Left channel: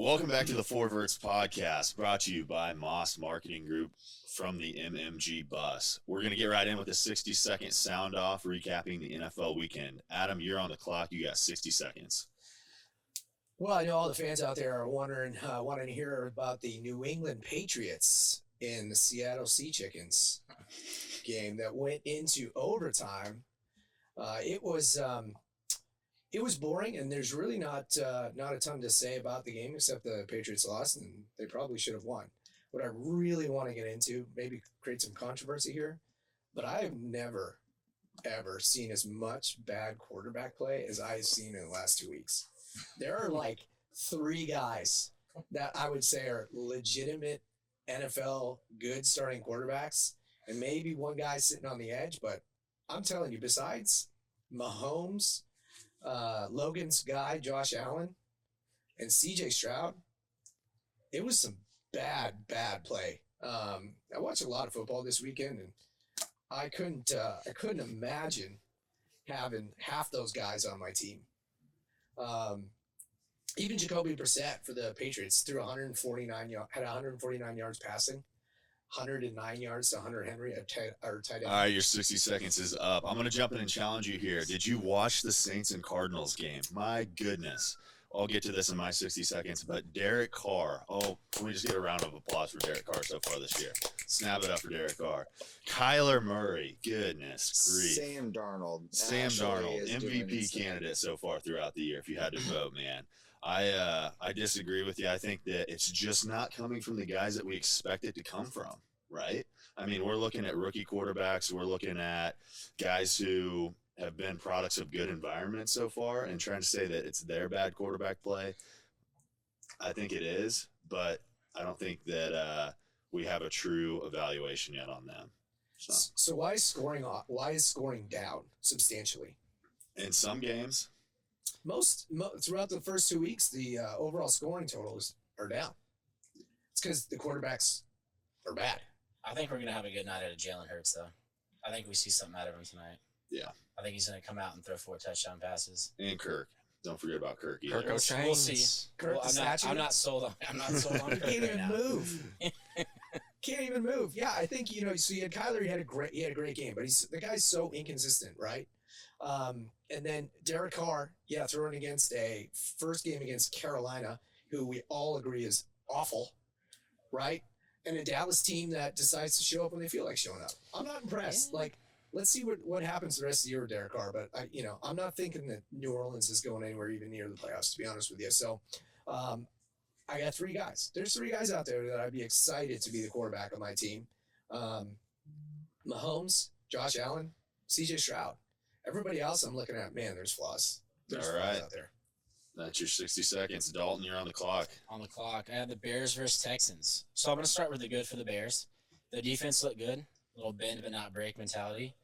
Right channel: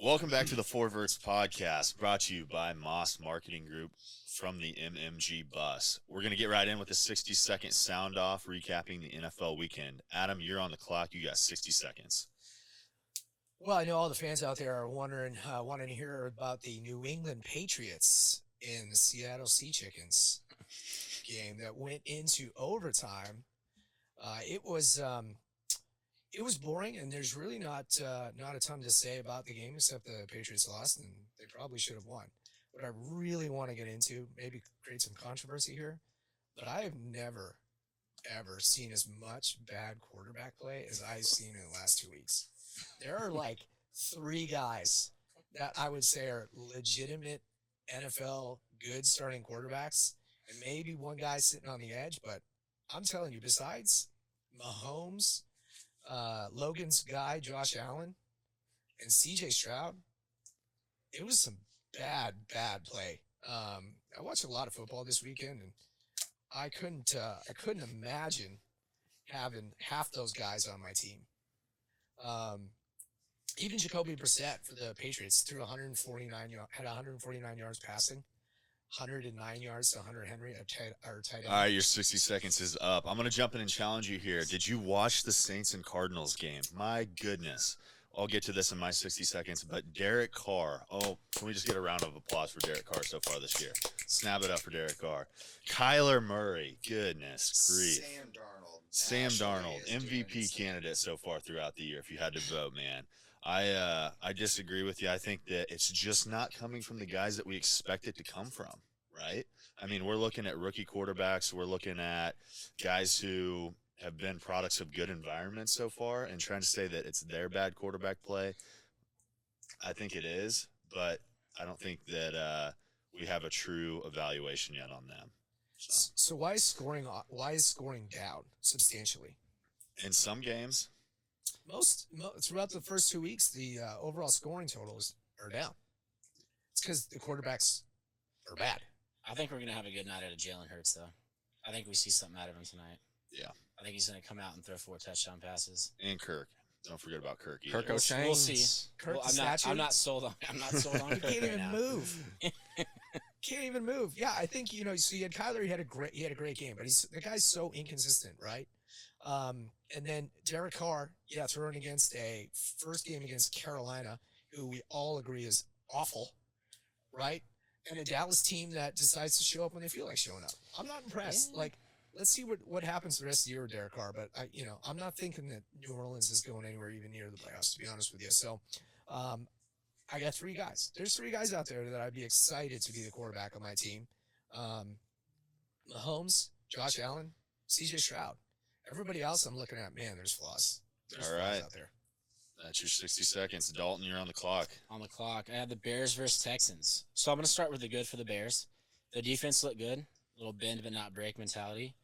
Welcome back to the Four Vertz Podcast, brought to you by Moss Marketing Group from the MMG Bus. We're going to get right in with a 60-second sound-off recapping the NFL weekend. Adam, you're on the clock. You got 60 seconds. Well, I know all the fans out there are wanting to hear about the New England Patriots and the Seattle Sea Chickens game that went into overtime. It was boring, and there's really not a ton to say about the game except the Patriots lost, and they probably should have won. What I really want to get into, maybe create some controversy here, but I have never, ever seen as much bad quarterback play as I've seen in the last 2 weeks. There are like 3 guys that I would say are legitimate NFL good starting quarterbacks, and maybe one guy sitting on the edge, but I'm telling you, besides Mahomes, Logan's guy, Josh Allen, and C.J. Stroud, it was some bad play. I watched a lot of football this weekend, and I couldn't imagine having half those guys on my team. Even Jacoby Brissett for the Patriots threw 149 yards passing, 109 yards to Hunter Henry, tight end. All right, your 60 seconds is up. I'm going to jump in and challenge you here. Did you watch the Saints and Cardinals game? My goodness. I'll get to this in my 60 seconds, but Derek Carr. Oh, can we just get a round of applause for Derek Carr so far this year? Snap it up for Derek Carr. Kyler Murray. Goodness grief. Sam Darnold, MVP candidate so far throughout the year, if you had to vote, man. I disagree with you. I think that it's just not coming from the guys that we expect it to come from, right? I mean, we're looking at rookie quarterbacks. We're looking at guys who have been products of good environments so far, and trying to say that it's their bad quarterback play. I think it is, but I don't think that we have a true evaluation yet on them. So why is scoring down substantially? In some games. Throughout the first 2 weeks, the overall scoring totals are down. It's because the quarterbacks are bad. I think we're going to have a good night out of Jalen Hurts, though. I think we see something out of him tonight. Yeah. I think he's going to come out and throw 4 touchdown passes. And Kirk. Don't forget about Kirk either. Kirk O'Chain. We'll see. Kirk I'm not sold on Kirk. He can't even now. move. Can't even move. Yeah, I think so. You had Kyler. He had a great game, but the guy's so inconsistent, right? And then Derek Carr, throwing against a first game against Carolina, who we all agree is awful, right? And a Dallas team that decides to show up when they feel like showing up. I'm not impressed. Yeah. Like, let's see what happens the rest of the year with Derek Carr. But I'm not thinking that New Orleans is going anywhere even near the playoffs, to be honest with you. So, I got 3 guys. There's 3 guys out there that I'd be excited to be the quarterback on my team. Mahomes, Josh Allen, C.J. Stroud. Everybody else I'm looking at, man, there's flaws. There's flaws out there. That's your 60 seconds. Dalton, you're on the clock. On the clock. I have the Bears versus Texans. So I'm going to start with the good for the Bears. The defense looked good. A little bend but not break mentality.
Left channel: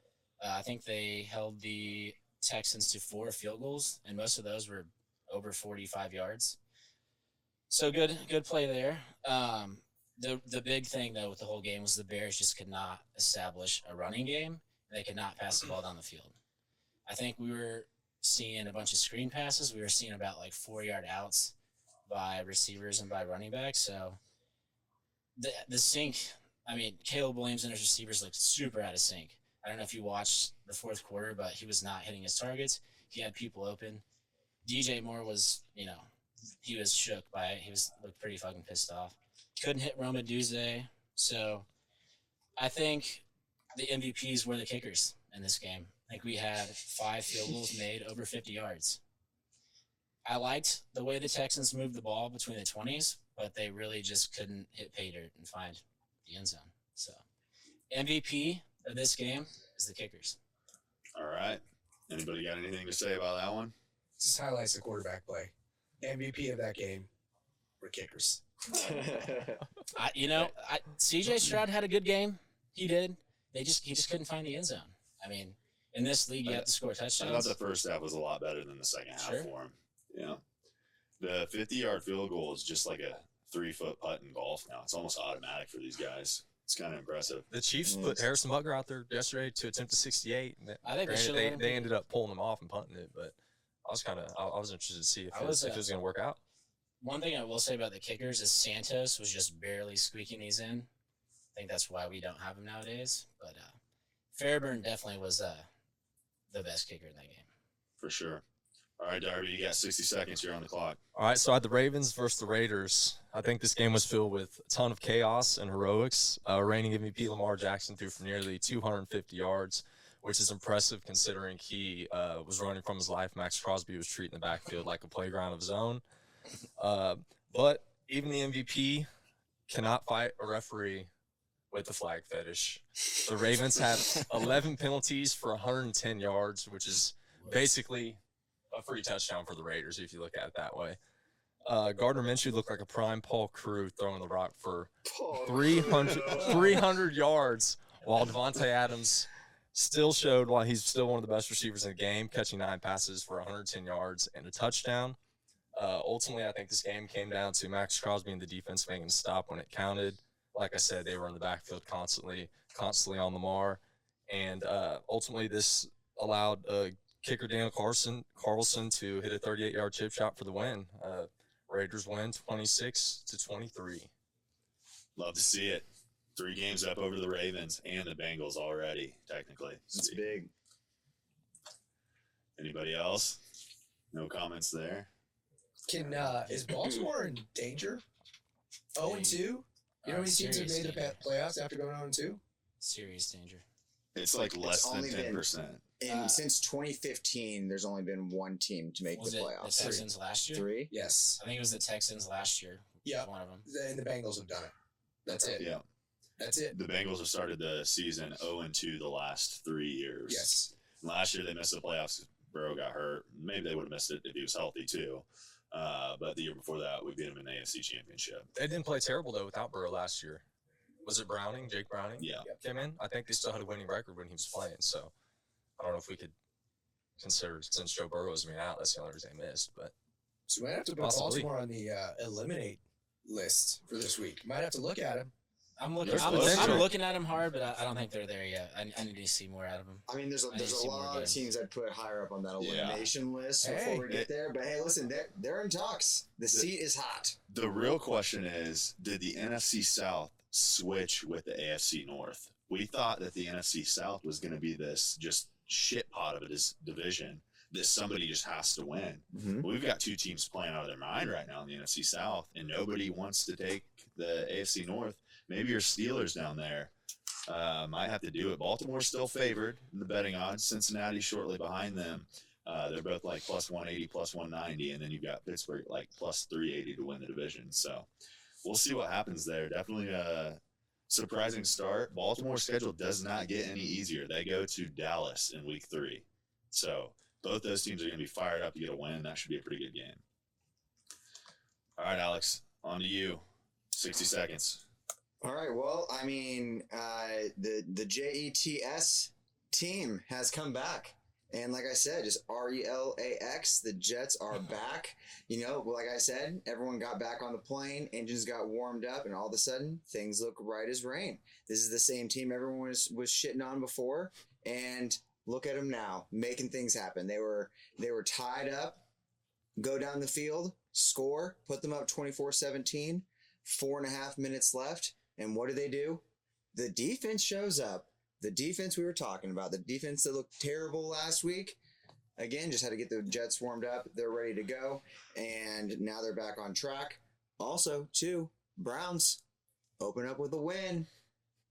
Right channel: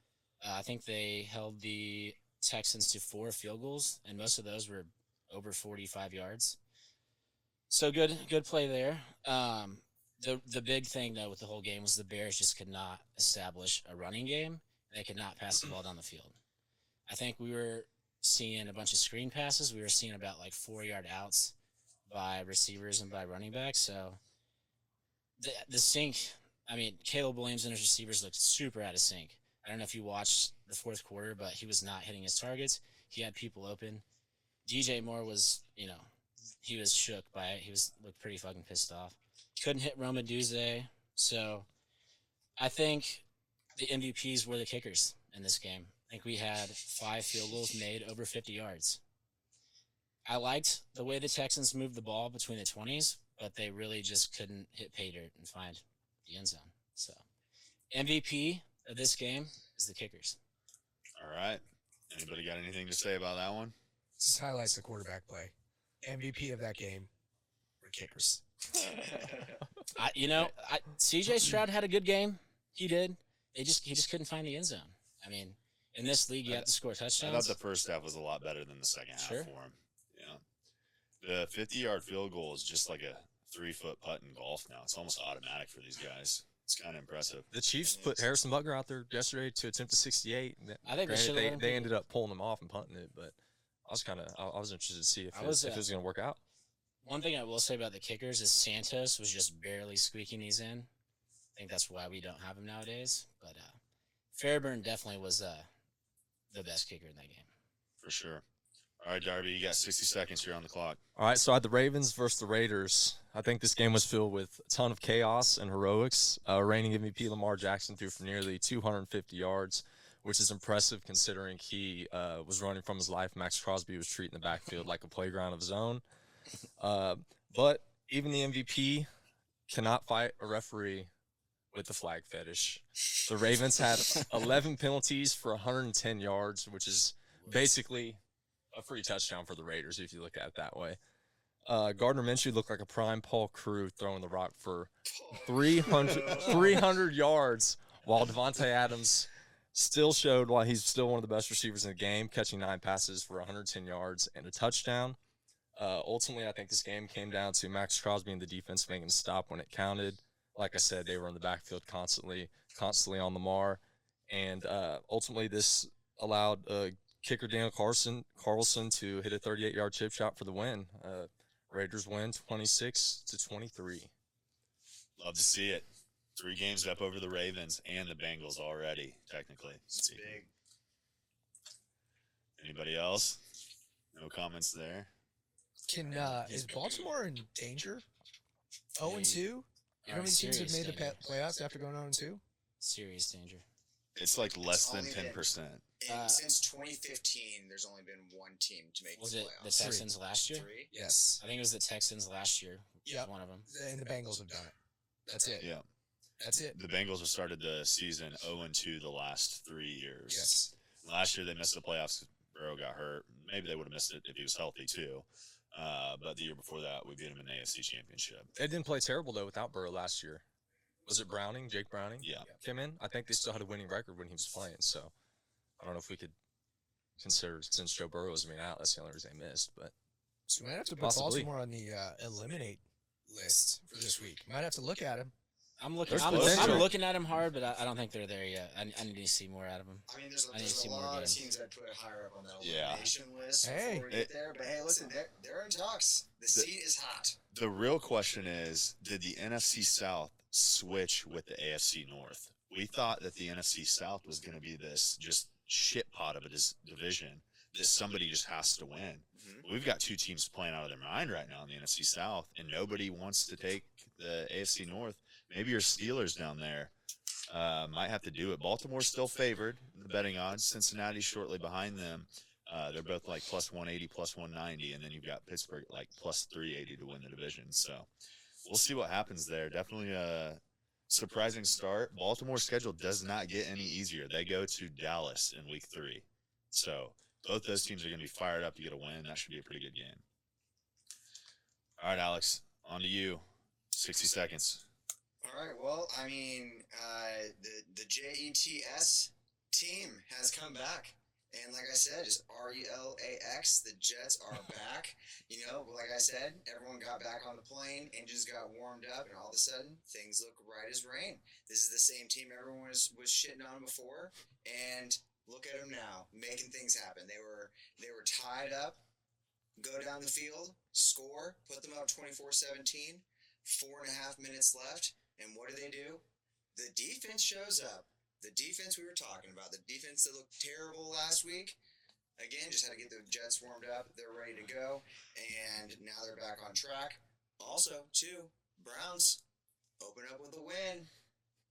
I think they held the Texans to 4 field goals, and most of those were over 45 yards. So good play there. The big thing, though, with the whole game was the Bears just could not establish a running game, and they could not pass the ball down the field. I think we were seeing a bunch of screen passes. We were seeing about 4-yard outs by receivers and by running backs. So the sync, I mean, Caleb Williams and his receivers looked super out of sync. I don't know if you watched the fourth quarter, but he was not hitting his targets. He had people open. DJ Moore was, he was shook by it. He looked pretty fucking pissed off. Couldn't hit Roma Duze. So I think the MVPs were the kickers in this game. I think we had 5 field goals made over 50 yards. I liked the way the Texans moved the ball between the 20s, but they really just couldn't hit pay dirt and find the end zone. So MVP of this game is the kickers. All right. Anybody got anything to say about that one? Just highlights the quarterback play. MVP of that game were kickers. C.J. Stroud had a good game. He did. He just couldn't find the end zone. I mean, in this league, you have to score touchdowns. I thought the first half was a lot better than the second half for him. The 50-yard field goal is just like a 3-foot putt in golf now. It's almost automatic for these guys. It's kind of impressive. The Chiefs put Harrison Butker out there yesterday to attempt a 68. I think they ended up pulling him off and punting it, but I was interested to see if it was going to work out. One thing I will say about the kickers is Santos was just barely squeaking these in. I think that's why we don't have him nowadays. But Fairburn definitely was the best kicker in that game. For sure. All right, Darby, you got 60 seconds here on the clock. All right, so I had the Ravens versus the Raiders. I think this game was filled with a ton of chaos and heroics. Reigning MVP Lamar Jackson threw for nearly 250 yards, which is impressive considering he was running from his life. Max Crosby was treating the backfield like a playground of his own. But even the MVP cannot fight a referee with the flag fetish. The Ravens had 11 penalties for 110 yards, which is basically a free touchdown for the Raiders if you look at it that way. Gardner Minshew looked like a prime Paul Crew throwing the rock for 300 yards, while Devontae Adams still showed why he's still one of the best receivers in the game, catching 9 passes for 110 yards and a touchdown. Ultimately, I think this game came down to Max Crosby and the defense making a stop when it counted. Like I said, they were in the backfield constantly on Lamar, and ultimately this allowed kicker Daniel Carlson to hit a 38-yard chip shot for the win. Raiders win 26-23. Love to see it. 3 games up over the Ravens and the Bengals already, technically. That's big. Anybody else? No comments there. Is Baltimore in danger? 0-2? You know how many teams have made the playoffs after going 0-2? Serious danger. It's like less than 10%. Since 2015, there's only been one team to make Was the it playoffs. the Texans last year? 3? Yes. I think it was the Texans last year. Yeah. One of them. And the Bengals have done it. That's it. Yeah. That's it. The Bengals have started the season 0-2 the last 3 years. Yes. Last year they missed the playoffs because Burrow got hurt. Maybe they would have missed it if he was healthy too. But the year before that, we beat him in the AFC Championship. They didn't play terrible, though, without Burrow last year. Was it Browning, Jake Browning? Yeah. Came in? I think they still had a winning record when he was playing, so I don't know if we could consider, since Joe Burrow was out, that's the only reason they missed. But So we might have to put Possibly. Baltimore on the eliminate list for this week. Might have to look at him. I'm looking. There's I'm potential. looking at him hard, but I don't think they're there yet. I need to see more out of him. I mean, I need to see a more lot games. of teams I'd put higher up on that Yeah. elimination list. Hey. before we get there. But hey, listen, they're in talks. The seat is hot. The real question is, did the NFC South switch with the AFC North? We thought that the NFC South was going to be this just shit pot of a division that somebody just has to win. Mm-hmm. We've got 2 teams playing out of their mind right now in the NFC South, and nobody wants to take the AFC North. Maybe your Steelers down there might have to do it. Baltimore's still favored in the betting odds. Cincinnati shortly behind them. They're both like plus 180, plus 190, and then you've got Pittsburgh like plus 380 to win the division. So we'll see what happens there. Definitely a surprising start. Baltimore's schedule does not get any easier. They go to Dallas in week 3. So both those teams are going to be fired up to get a win. That should be a pretty good game. All right, Alex, on to you. 60 seconds. All right. Well, I mean, the JETS team has come back, and like I said, it's RELAX. The Jets are back. You know, like I said, everyone got back on the plane, engines got warmed up, and all of a sudden, things look right as rain. This is the same team everyone was shitting on before, and look at them now, making things happen. They were tied up, go down the field, score, put them up 24-17, 4.5 minutes left, and what do? The defense shows up. The defense we were talking about, the defense that looked terrible last week, again, just had to get the Jets warmed up. They're ready to go, and now they're back on track. Also, too, Browns open up with a win.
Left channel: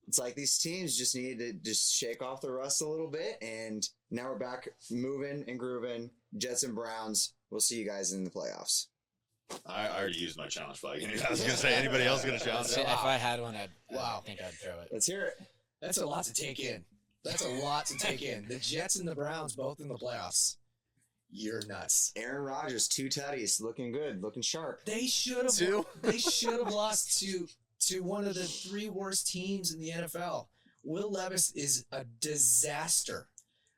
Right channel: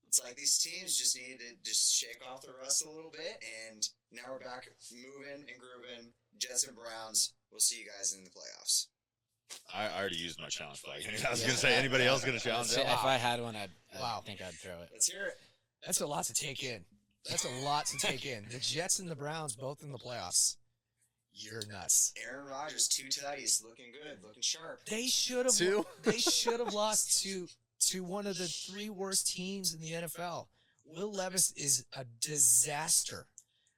It's like these teams just need to just shake off the rust a little bit, and now we're back moving and grooving. Jets and Browns. We'll see you guys in the playoffs. I already used my challenge flag. I was going to say, anybody else going to challenge So it? if I had one, I Wow. think I'd throw it. Let's hear it. That's a lot to take in. That's a lot to take in. The Jets and the Browns both in the playoffs. You're nuts. Aaron Rodgers, 2 tutties, looking good, looking sharp. They should have. Two? They should have lost to one of the 3 worst teams in the NFL. Will Levis is a disaster.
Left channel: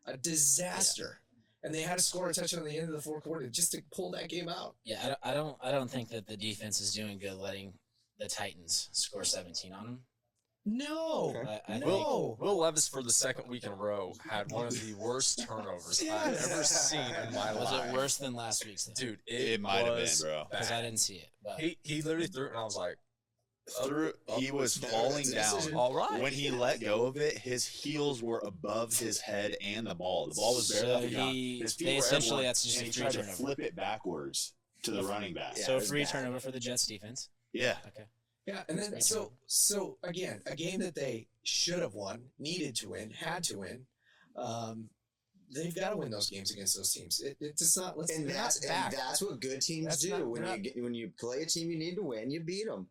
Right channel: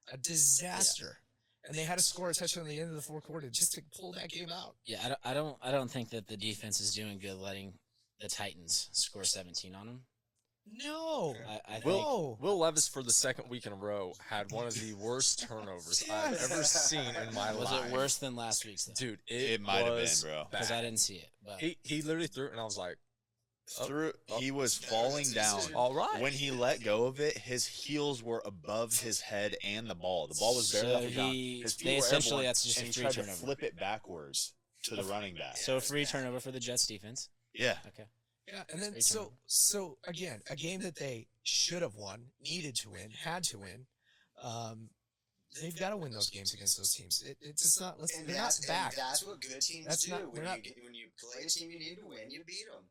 A disaster. And they had to score a touchdown at the end of the 4th quarter just to pull that game out. Yeah, I don't think that the defense is doing good letting the Titans score 17 on them. No. I think No. Will Levis, for the second week in a row, had one of the worst turnovers I've Yes. ever seen in my was life. it worse than last week's though? Dude, It might have been, was bro. Because I bad. didn't see it. But He literally threw it, and I was like, He was falling down. all right. When he let go of it, his heels were above his head and the ball. The ball was barely So up the ground. he- His feet they were essentially everywhere, that's just and a he free tried to turnover. flip it backwards to the running back. so a free turnover for the Jets defense. Yeah. Okay. Yeah, and then Great so again, a game that they should have won, needed to win, had to win. They've got to win those games against those teams. It's not. And They're not and back. That's what good teams That's do. not- When they're not- when you play a team you need to win, you beat them.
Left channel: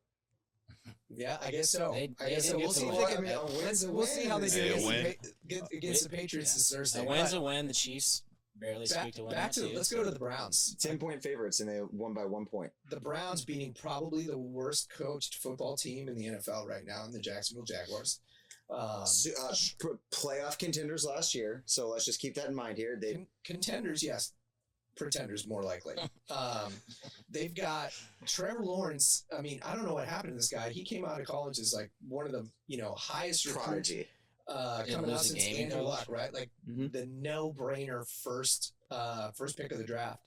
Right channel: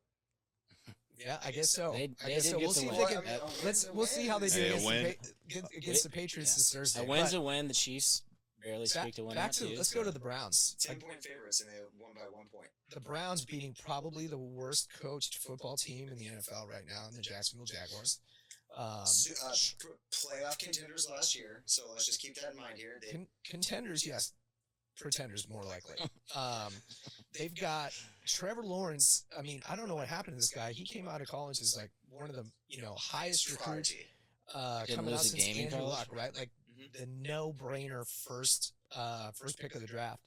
Yeah, I guess so. They I guess did so. get We'll the see if win. they can. That- We'll see how they do Hey, a against win. the Patriots this Thursday. A win's But a win. The Chiefs barely squeaked a win back out to too. let's so- go to the Browns. 10-point favorites and they won by 1 point. The Browns beating probably the worst coached football team in the NFL right now in the Jacksonville Jaguars. Playoff contenders last year, so let's just keep that in mind here. They, Contenders, yes. Pretenders, more likely. They've got Trevor Lawrence. I mean, I don't know what happened to this guy. He came out of college as like one of the highest recruits prodigy. Didn't coming lose out a since game in Andrew college? Luck, right? Like the no-brainer first pick of the draft,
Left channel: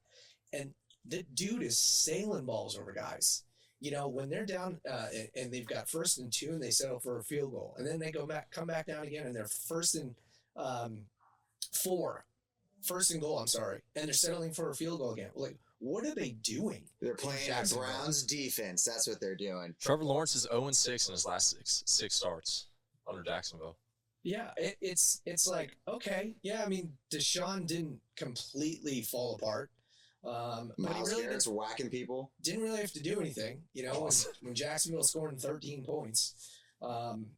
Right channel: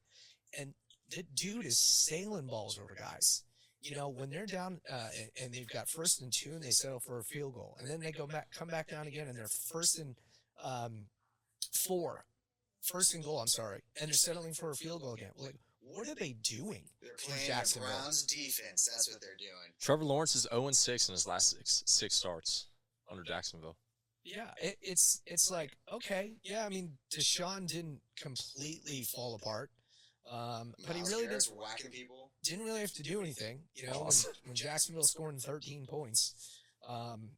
and the dude is sailing balls over guys. When they're down and they've got 1st and 2 and they settle for a field goal, and then they come back down again and they're 1st and 4, 1st and goal. I'm sorry, and they're settling for a field goal again. Like, what are they doing They're playing the Jacksonville? Browns defense. That's what they're doing. Trevor Lawrence is 0-6 in his last six starts under Jacksonville. Yeah, it's like, okay, yeah. I mean, Deshaun didn't completely fall apart, but he Miles really Garrett's whacking people. didn't really have to do anything. When Jacksonville scoring 13 points. I'm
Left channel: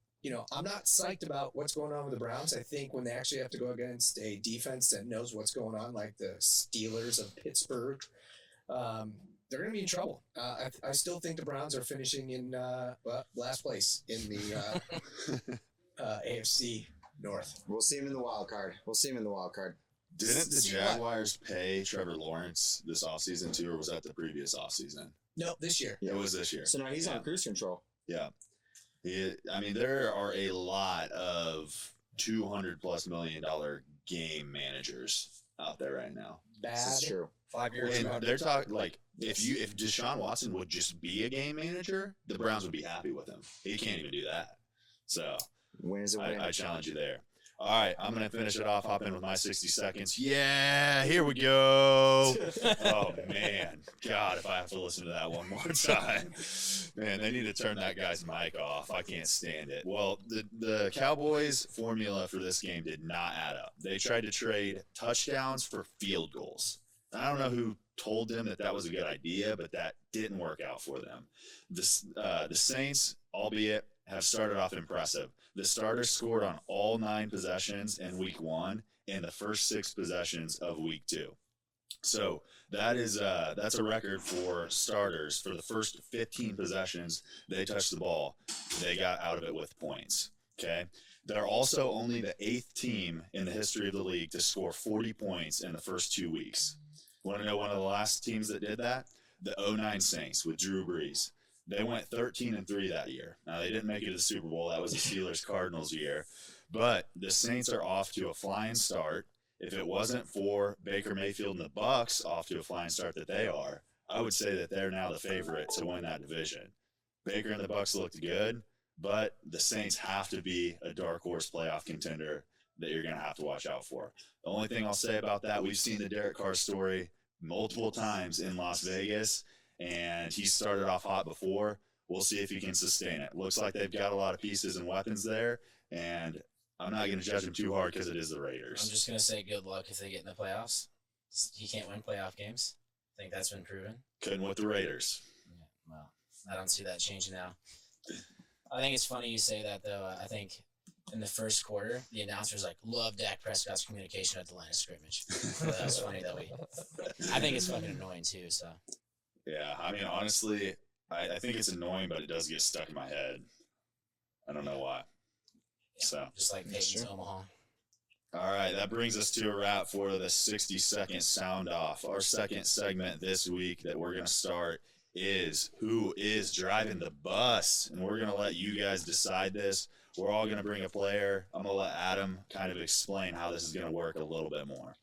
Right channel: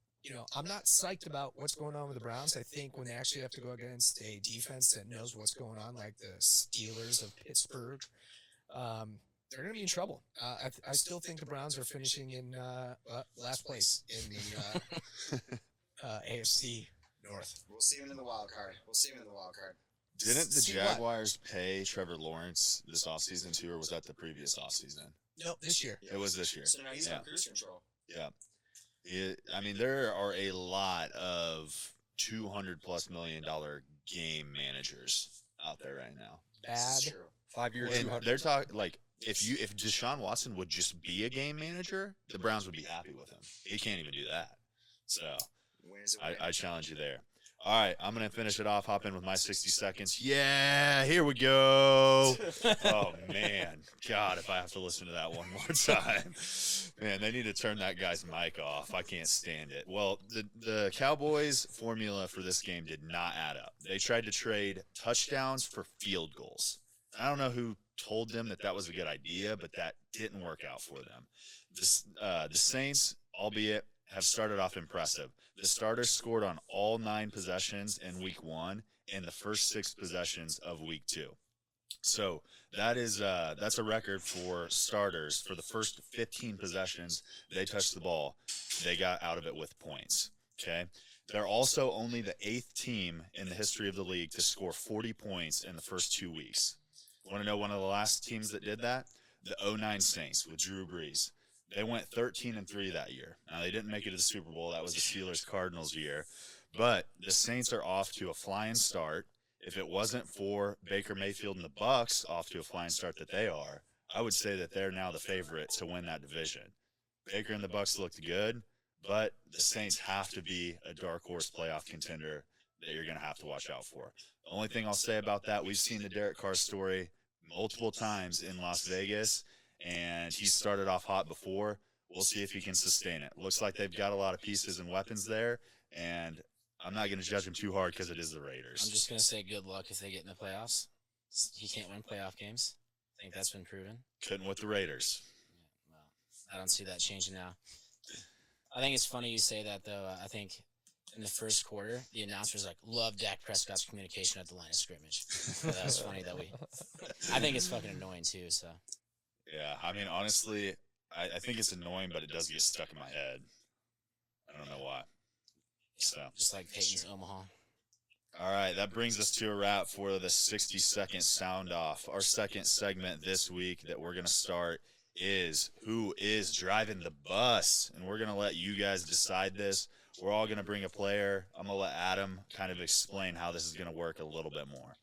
not psyched about what's going on with the Browns. I think when they actually have to go against a defense that knows what's going on, like the Steelers of Pittsburgh, they're going to be in trouble. I still think the Browns are finishing in last place in the AFC North. We'll see him in the wild card. Didn't the See what? Jaguars pay Trevor Lawrence this offseason too, or was that the previous offseason? No, this year. It was this year. So now he's Yeah. on cruise control. Yeah. I mean, there are a lot of $200+ million game managers out there right now. Bad. True. 5 years, And 200. they're talking like if Deshaun Watson would just be a game manager, the Browns would be happy with him. He can't even do that. So Wins a win. I challenge you there. All right, I'm gonna finish it off. Hop in with my 60 seconds. Yeah, here we go. Oh man, God, if I have to listen to that one more time, man, they need to turn that guy's mic off. I can't stand it. Well, the Cowboys' formula for this game did not add up. They tried to trade touchdowns for field goals. I don't know who told them that was a good idea, but that didn't work out for them. The Saints, albeit, have started off impressive. The starters scored on all 9 possessions in week 1 and the first 6 possessions of week 2. So that's a record for starters. For the first 15 possessions they touched the ball, they got out of it with points. Okay. They're also only the 8th team in the history of the league to score 40 points in the first 2 weeks. Want to know one of the last teams that did that? The 09 Saints with Drew Brees. They went 13-3 that year. Now, they didn't make it to the Super Bowl. That was the Steelers-Cardinals year. But the Saints are off to a flying start. If it wasn't for Baker Mayfield and the Bucs off to a flying start that they are, I would say that they're now the favorite to win that division. Baker and the Bucs looked good, but the Saints have to be a dark horse playoff contender that you're going to have to watch out for. The only thing I'll say about that, we've seen the Derek Carr story multiple times in Las Vegas, and he started off hot before. We'll see if he can sustain it. Looks like they've got a lot of pieces and weapons there, and I'm not going to judge him too hard because it is the Raiders. I'm just going to say good luck if they get in the playoffs. He can't win playoff games. I think that's been proven. Couldn't with the Raiders. Well, I don't see that changing now. I think it's funny you say that, though. I think in the first quarter, the announcers love Dak Prescott's communication at the line of scrimmage. So that was funny that I think it's fucking annoying, too, so. Yeah, I mean, honestly, I think it's annoying, but it does get stuck in my head. I don't know why. Yeah, So. just like Peyton's Omaha. All right, that brings us to a wrap for the 60-second sound off. Our second segment this week that we're going to start is who is driving the bus. And we're going to let you guys decide this. We're all going to bring a player. I'm going to let Adam kind of explain how this is going to work a little bit more.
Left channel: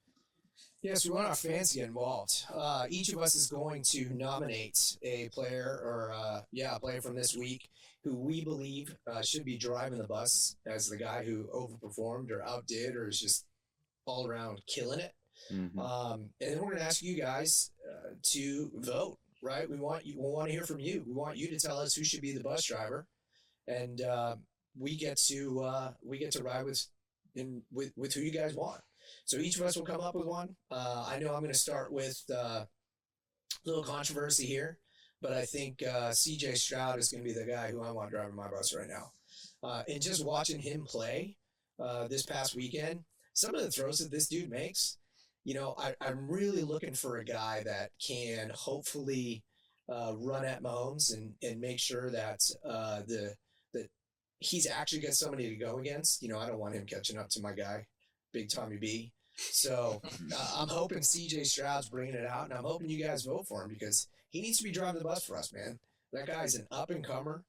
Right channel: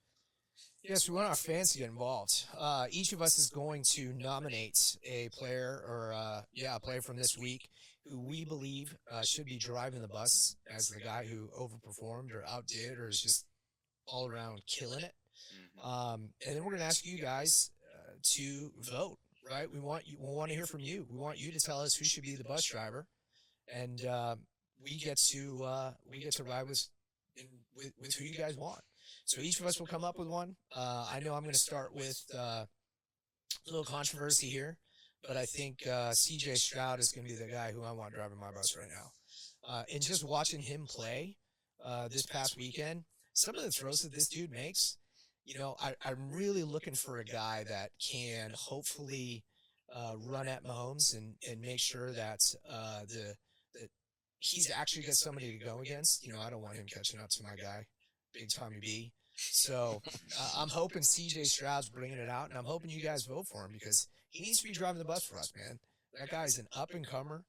Yes, we want our fans to get involved. Each of us is going to nominate a player or, a player from this week who we believe should be driving the bus as the guy who overperformed or outdid or is just all around killing it. Mm-hmm. And then we're going to ask you guys to vote, right? We want to hear from you. We want you to tell us who should be the bus driver, and we get to ride with who you guys want. So each of us will come up with one. I know I'm going to start with a little controversy here, but I think C.J. Stroud is going to be the guy who I want driving my bus right now. And just watching him play this past weekend, some of the throws that this dude makes, I'm really looking for a guy that can hopefully run at Mahomes and make sure that that he's actually got somebody to go against. I don't want him catching up to my guy, Big Tommy B. So I'm hoping C.J. Stroud's bringing it out, and I'm hoping you guys vote for him because he needs to be driving the bus for us, man. That guy's an up-and-comer,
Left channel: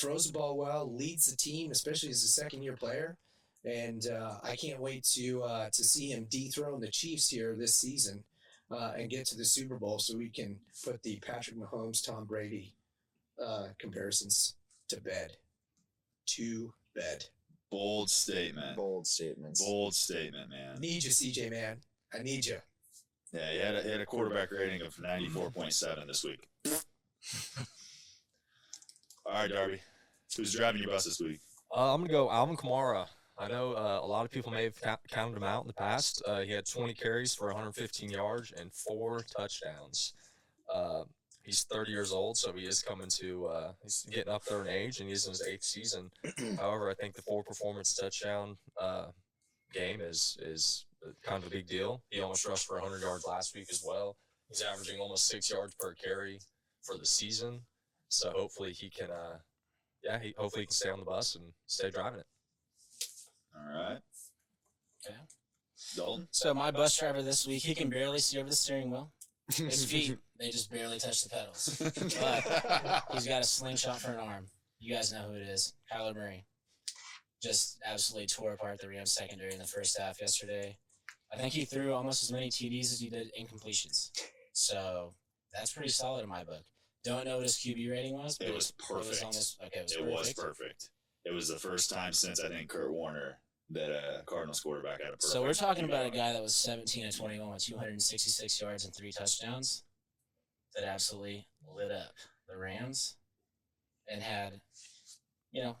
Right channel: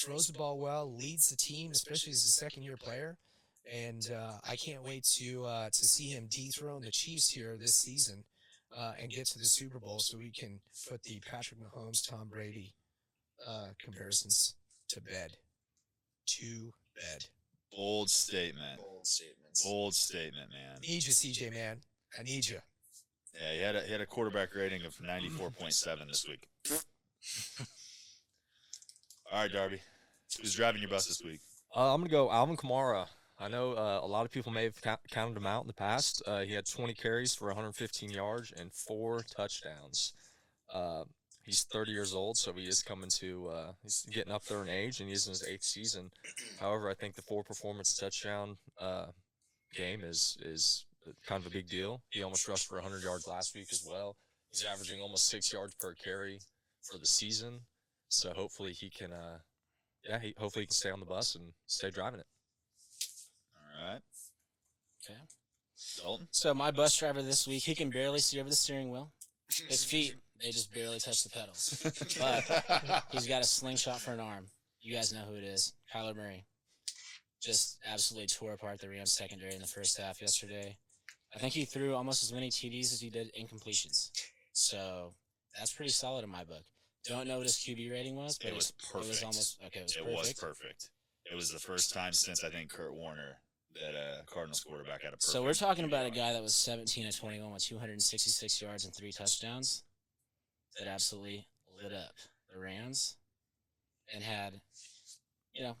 throws the ball well, leads the team, especially as a second-year player. And I can't wait to see him dethrone the Chiefs here this season and get to the Super Bowl so we can put the Patrick Mahomes, Tom Brady comparisons to bed. To bed. Bold statement. Bold statement. Bold statement, man. I need you, CJ, man. I need you. Yeah, he had a quarterback rating of 94.7 this week. All right, Darby. Who's driving your bus this week? I'm going to go Alvin Kamara. I know a lot of people may have counted him out in the past. He had 20 carries for 115 yards and 4 touchdowns. He's 30 years old, so he is coming to he's getting up there in age, and he is in his 8th season. However, I think the 4-performance touchdown game is kind of a big deal. He almost rushed for 100 yards last week as well. He's averaging almost 6 yards per carry for the season. So hopefully he can hopefully he can stay on the bus and stay driving it. All right. Okay. Dalton? So my bus driver this week, he can barely see over the steering wheel. His feet, they just barely touch the pedals. But he's got a slingshot for an arm. You guys know who it is. Kyler Murray. Just absolutely tore apart the Rams secondary in the first half yesterday. I think he threw almost as many TDs as he did incompletions. So that's pretty solid in my book. Don't know what his QB rating was, but It was perfect. It was almost okay. It was It perfect. was perfect. It was the first time since, I think, Kurt Warner that a Cardinals quarterback had a perfect. So we're talking about a guy that was 17 of 21 with 266 yards and 3 touchdowns that absolutely lit up the Rams and had,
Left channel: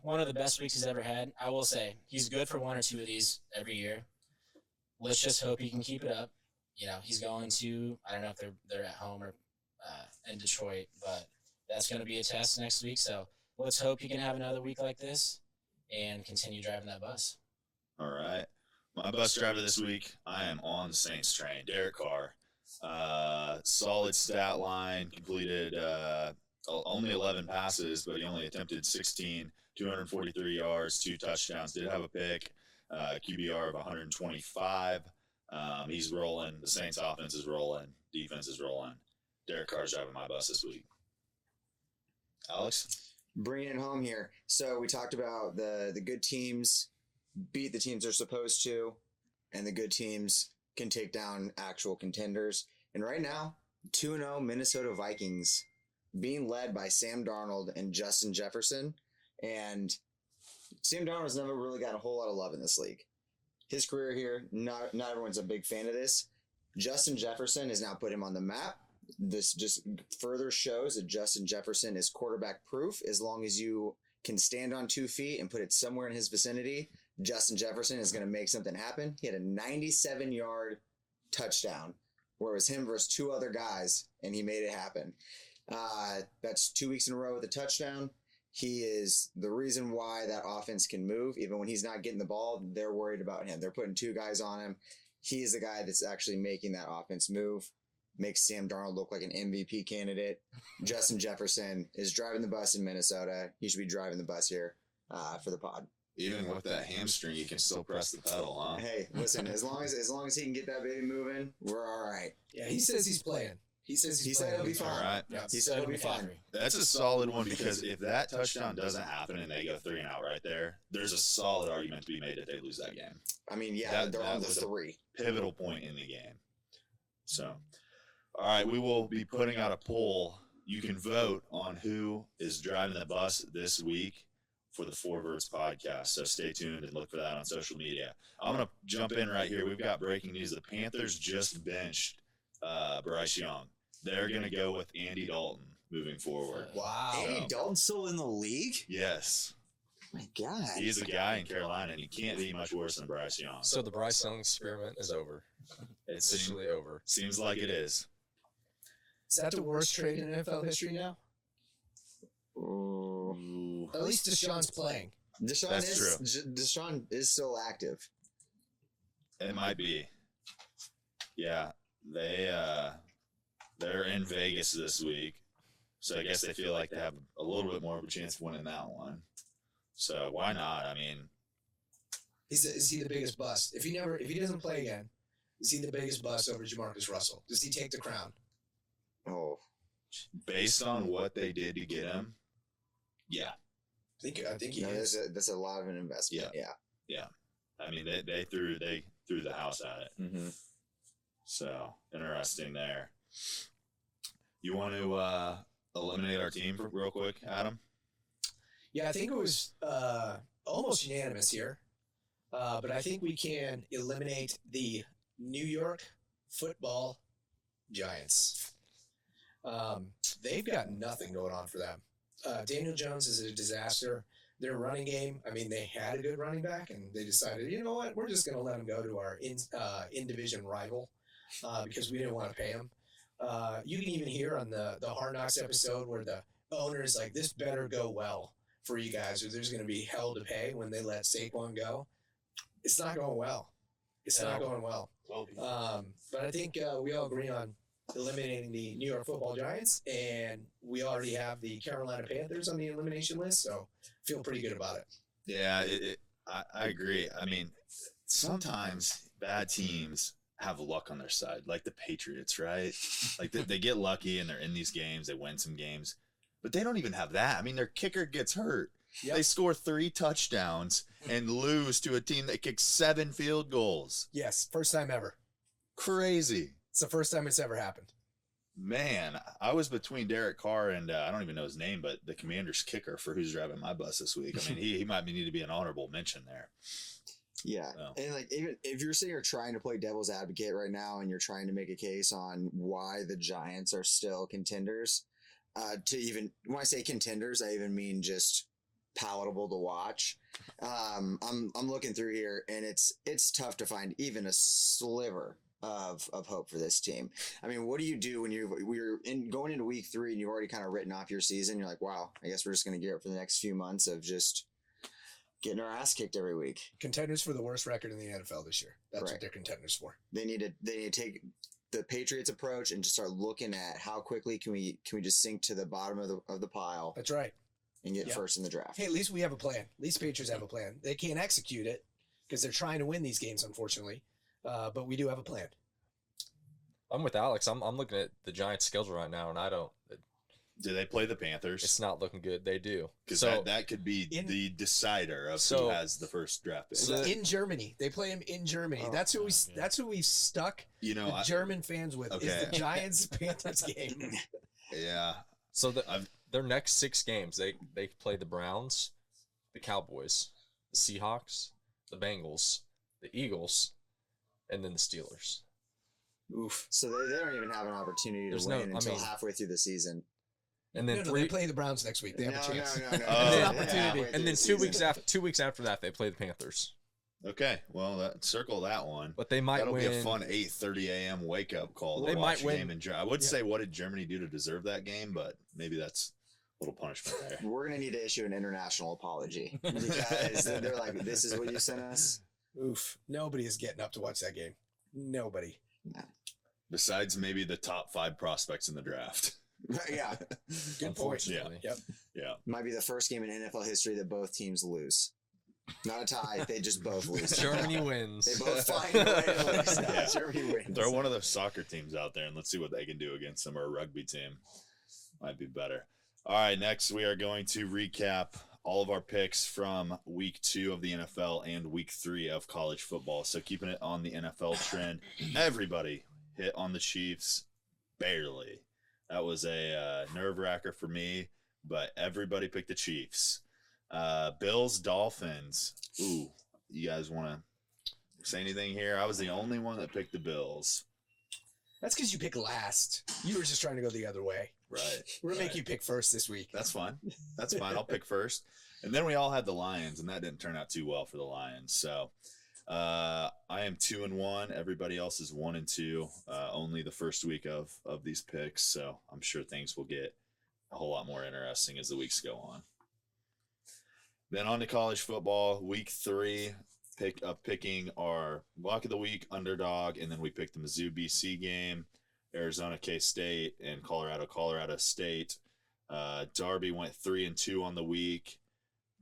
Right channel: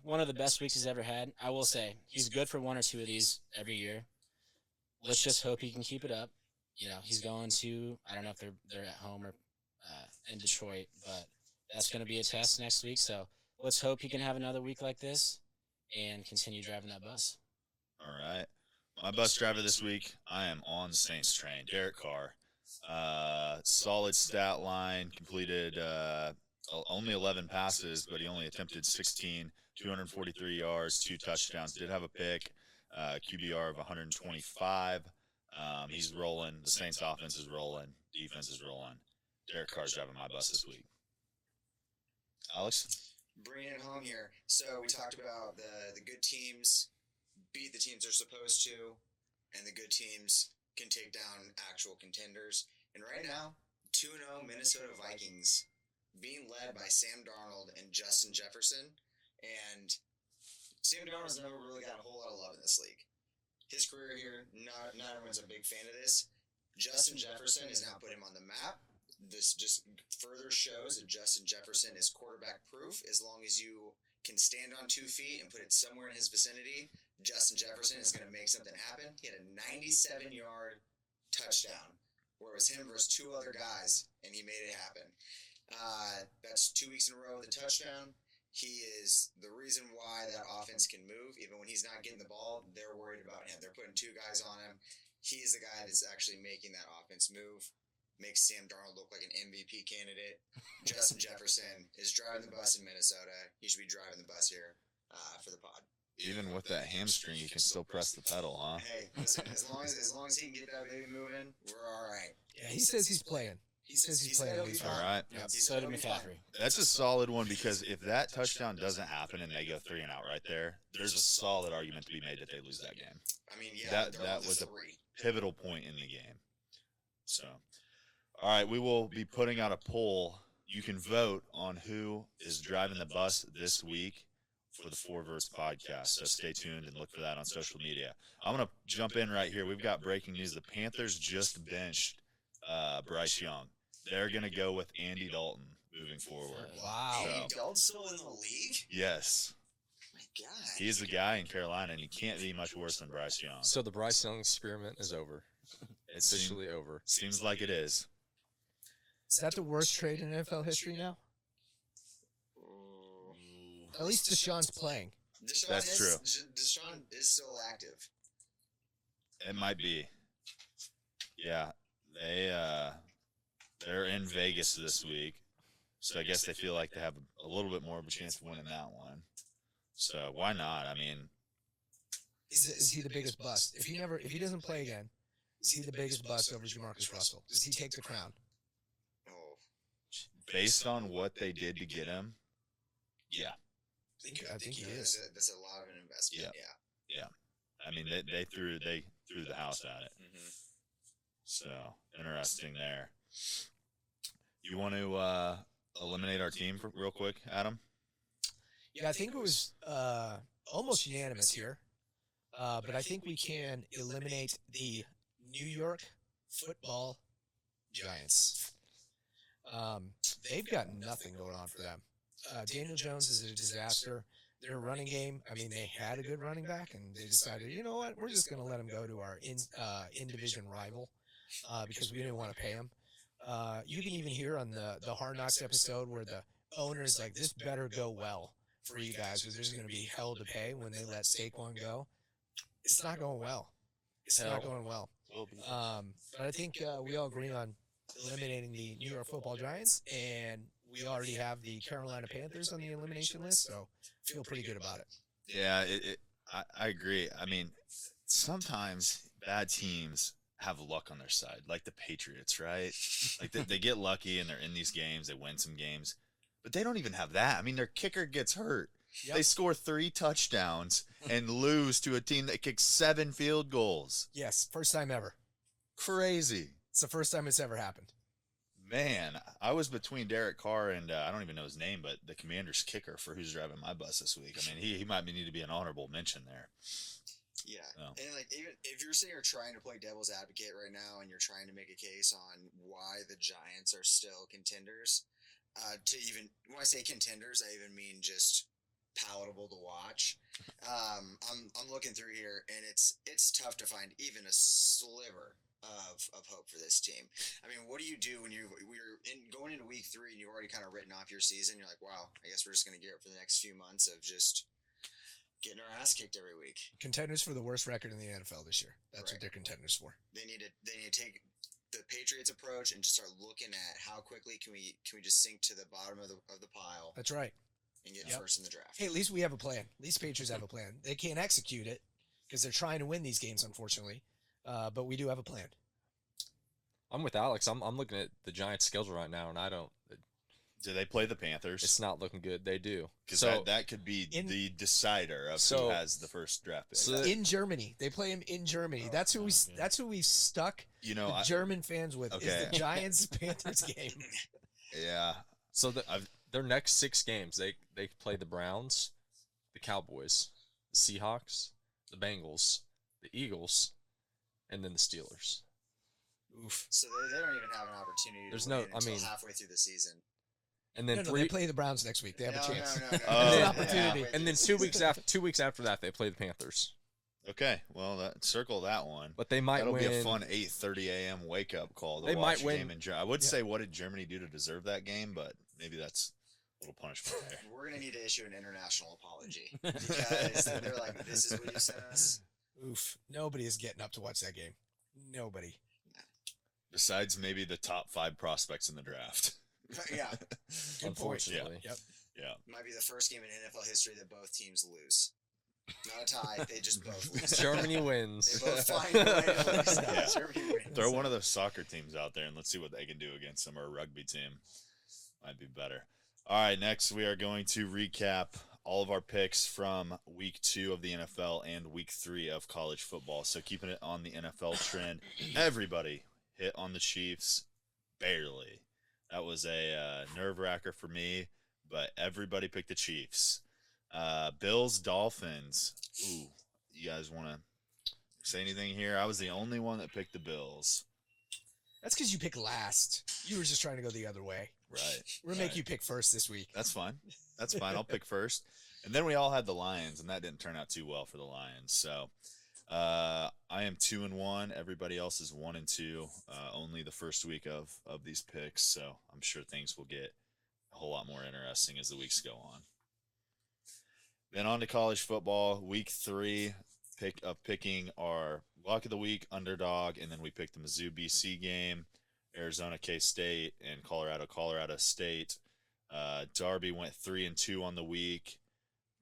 one of the best weeks he's ever had. I will say he's good for 1 or 2 of these every year. Let's just hope he can keep it up. He's going to, I don't know if they're at home or in Detroit, but that's going to be a test next week. So let's hope he can have another week like this and continue driving that bus. All right. My bus driver this week, I am on the Saints train. Derek Carr. Solid stat line, completed only 11 passes, but he only attempted 16, 243 yards, 2 touchdowns. Did have a pick, QBR of 125. He's rolling. The Saints offense is rolling. Defense is rolling. Derek Carr's driving my bus this week. Alex? Bring it home here. So we talked about the good teams beat the teams they're supposed to, and the good teams can take down actual contenders. And right now, 2-0 Minnesota Vikings being led by Sam Darnold and Justin Jefferson. And Sam Darnold's never really got a whole lot of love in this league. His career here, not everyone's a big fan of this. Justin Jefferson has now put him on the map. This just further shows that Justin Jefferson is quarterback proof. As long as you can stand on 2 feet and put it somewhere in his vicinity, Justin Jefferson is going to make something happen. He had a 97-yard touchdown, where it was him versus 2 other guys, and he made it happen. That's 2 weeks in a row with a touchdown. He is the reason why that offense can move. Even when he's not getting the ball, they're worried about him. They're putting 2 guys on him. He is the guy that's actually making that offense move. Makes Sam Darnold look like an MVP candidate. Justin Jefferson is driving the bus in Minnesota. He should be driving the bus here for the pod. Even with that hamstring, you can still press the pedal, huh? Hey, listen, as long as he can get that baby moving, we're all right. Yeah, he says he's playing. He says he's playing week All 1. right. Yep, so did McCaffrey. That's a solid one because if that touchdown doesn't happen and they go 3 and out right there, there's a solid argument to be made that they lose that game. I mean, yeah, That was a pivotal point in the game. So, all right, we will be putting out a poll. You can vote on who is driving the bus this week for the Four Vertz Podcast. So stay tuned and look for that on social media. I'm going to jump in right here. We've got breaking news. The Panthers just benched Bryce Young. They're going to go with Andy Dalton moving forward. Wow. So- Andy Dalton's still in the league? Yes. Oh my God. He's a guy in Carolina, and he can't be much worse than Bryce Young. So the Bryce Young experiment is over. It Officially over. seems like it is. Is that the worst trade in NFL history now? Ooh. At least Deshaun's playing. Deshaun That's is- true. Deshaun is still active. It might be. Yeah, they're in Vegas this week, so I guess they feel like they have a little bit more of a chance of winning that one. So why not? I mean, Is he the biggest bust? If he doesn't play again, is he the biggest bust over Jamarcus Russell? Does he take the crown? Oh. based on what they did to get him, yeah. I think he No, is. That's a lot of an investment. Yeah. I mean, they threw the house at it. Mm-hmm. So interesting there. You want to eliminate our team real quick, Adam? Yeah, I think it was almost unanimous here. But I think we can eliminate the New York Football Giants. They've got nothing going on for them. Daniel Jones is a disaster. Their running game, I mean, they had a good running back, and they decided, you know what, we're just going to let him go to our in-division rival because we didn't want to pay him. You can even hear on the Hard Knocks episode where the owner's like, this better go well for you guys, or there's going to be hell to pay when they let Saquon go. It's not going well. It's not going well. But I think we all agree on eliminating the New York Football Giants, and we already have the Carolina Panthers on the elimination list, so feel pretty good about it. Yeah, I agree. I mean, sometimes bad teams have luck on their side, like the Patriots, right? Like they get lucky and they're in these games, they win some games, but they don't even have that. I mean, their kicker gets hurt. Yep. They score 3 touchdowns and lose to a team that kicks 7 field goals. Yes, first time ever. Crazy. It's the first time it's ever happened. Man, I was between Derek Carr and I don't even know his name, but the Commander's kicker for who's driving my bus this week. I mean, he might need to be an honorable mention there. Yeah, So. and like even if you're sitting here trying to play devil's advocate right now, and you're trying to make a case on why the Giants are still contenders, when I say contenders, I even mean just palatable to watch. I'm looking through here, and it's tough to find even a sliver of hope for this team. I mean, what do you do when you're going into week 3 and you've already kind of written off your season? You're like, wow, I guess we're just going to get up for the next few months of just getting our ass kicked every week. Contenders for the worst record in the NFL this year. That's Correct. what they're contenders for. They need to take the Patriots approach and just start looking at how quickly can we just sink to the bottom of the pile That's right. and get Yep. first in the draft. Hey, at least we have a plan. At least Patriots have a plan. They can't execute it because they're trying to win these games, unfortunately. But we do have a plan. I'm with Alex. I'm looking at the Giants' schedule right now, and Do they play the Panthers? it's not looking good. They do. Because So that could be In- the decider of So- who has the first draft pick. So- In Germany, they play him in Germany. Oh, That's who we. okay. That's who we've stuck You know, the German fans with. Okay. Is the Giants Panthers game. yeah. So I've- their next 6 games, they play the Browns, the Cowboys, the Seahawks, the Bengals, the Eagles, and then the Steelers. Oof. So they don't even have an opportunity. There's to no- win I until mean- halfway through the season. And then No, three, they play the Browns next week. They have a chance. No, Oh, It's an yeah. opportunity. and then 2 weeks after that, they play the Panthers. Okay. Well, circle that one. But they might That'll win. be a fun 8:30 a.m. wake up call. To They watch might a win. game in I would Yeah. say, what did Germany do to deserve that game? But maybe that's a little punishment there. We're gonna need to issue an international apology. They're like, this is what you sent us. Oof. Nobody is getting up to watch that game. Nobody. Besides maybe the top 5 prospects in the draft. Yeah, Good point. Unfortunately. Yep. Yeah. might be the first game in NFL history that both teams lose. Not a tie. They just both lose. Germany They wins. both find a way to win. Yeah. Germany wins. Throw one of those soccer teams out there and let's see what they can do against them, or a rugby team. Might be better. All right, next we are going to recap all of our picks from week 2 of the NFL and week 3 of college football. So keeping it on the NFL trend, everybody hit on the Chiefs barely. That was a nerve-wracker for me, but everybody picked the Chiefs. Bills, Dolphins. Ooh, you guys want to say anything here? I was the only one that picked the Bills. That's because you pick last. You were just trying to go the other way. Right. We're going to make right. you pick first this week. That's fine. That's fine. I'll pick first. And then we all had the Lions, and that didn't turn out too well for the Lions. So I am 2-1. Everybody else is 1-2. Only the first week of these picks. So I'm sure things will get a whole lot more interesting as the weeks go on. Then on to college football, week 3. Picking our lock of the week, underdog, and then we picked the Mizzou BC game, Arizona K-State, and Colorado State. Darby went 3-2 on the week,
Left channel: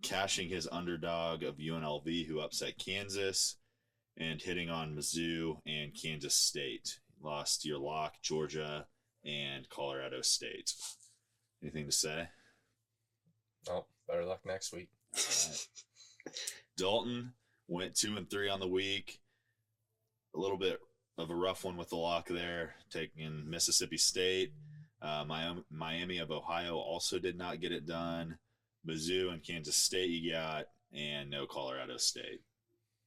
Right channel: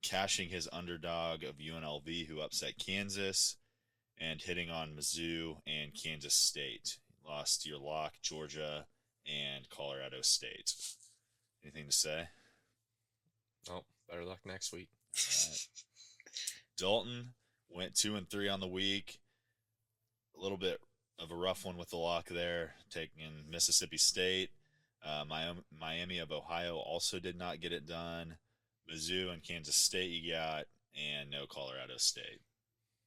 cashing his underdog of UNLV, who upset Kansas, and hitting on Mizzou and Kansas State. Lost your lock, Georgia and Colorado State. Anything to say? Oh, better luck next week. All right. Dalton went 2-3 on the week. A little bit of a rough one with the lock there, taking Mississippi State. Miami of Ohio also did not get it done. Mizzou and Kansas State you got, and no Colorado State.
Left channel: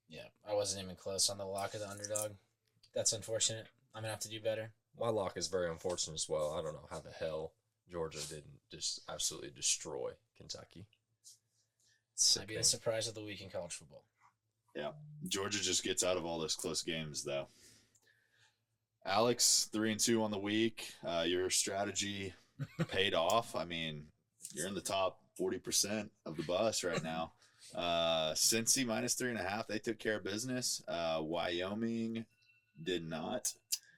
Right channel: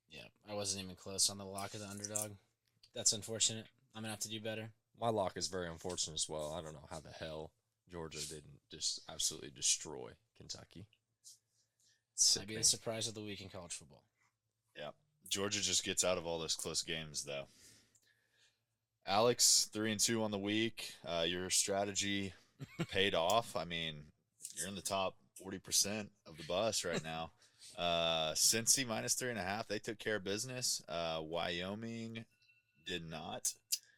Yeah, I wasn't even close on the lock of the underdog. That's unfortunate. I'm going to have to do better. My lock is very unfortunate as well. I don't know how the hell Georgia didn't just absolutely destroy Kentucky. Might be the surprise of the week in college football. Yeah, Georgia just gets out of all those close games, though. Alex, 3-2 on the week. Your strategy paid off. I mean, you're in the top 40% of the bus right now. Cincy minus 3.5. They took care of business. Wyoming did not.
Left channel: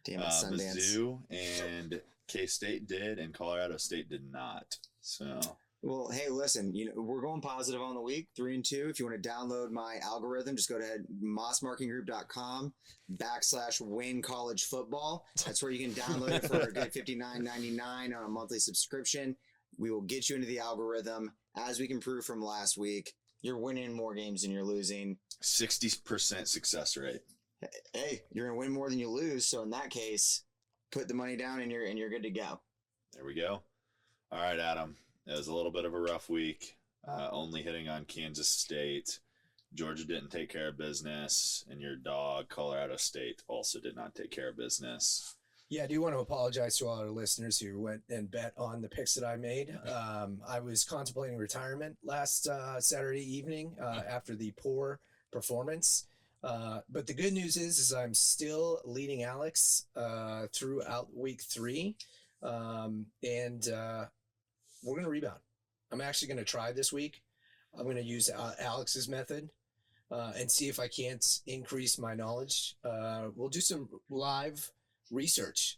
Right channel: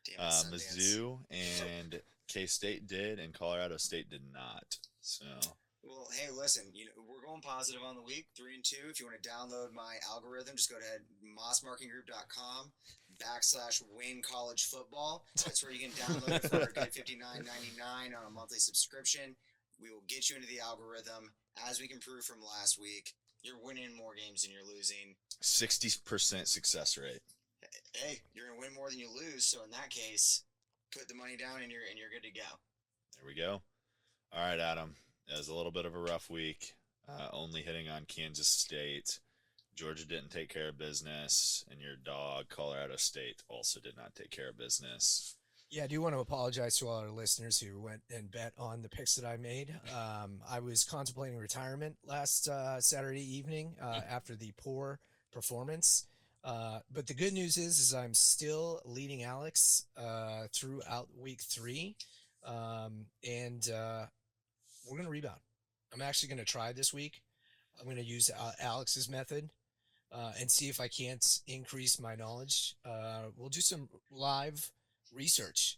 Mizzou and K-State did, and Colorado State did not. So. Well, hey, listen, we're going positive on the week, 3-2. If you want to download my algorithm, just go to mossmarkingroup.com/win-college-football. That's where you can download it for $59.99 on a monthly subscription. We will get you into the algorithm. As we can prove from last week, you're winning more games than you're losing. 60% success rate. Hey, you're going to win more than you lose. So in that case, put the money down and you're good to go. There we go. All right, Adam. It was a little bit of a rough week, only hitting on Kansas State. Georgia didn't take care of business, and your dog, Colorado State, also did not take care of business. Yeah, I do want to apologize to all our listeners who went and bet on the picks that I made. I was contemplating retirement last Saturday evening after the poor performance. But the good news is I'm still leading Alex throughout week 3. And we're going to rebound. I'm actually going to try this week. I'm going to use Alex's method and see if I can't increase my knowledge. We'll do some live research.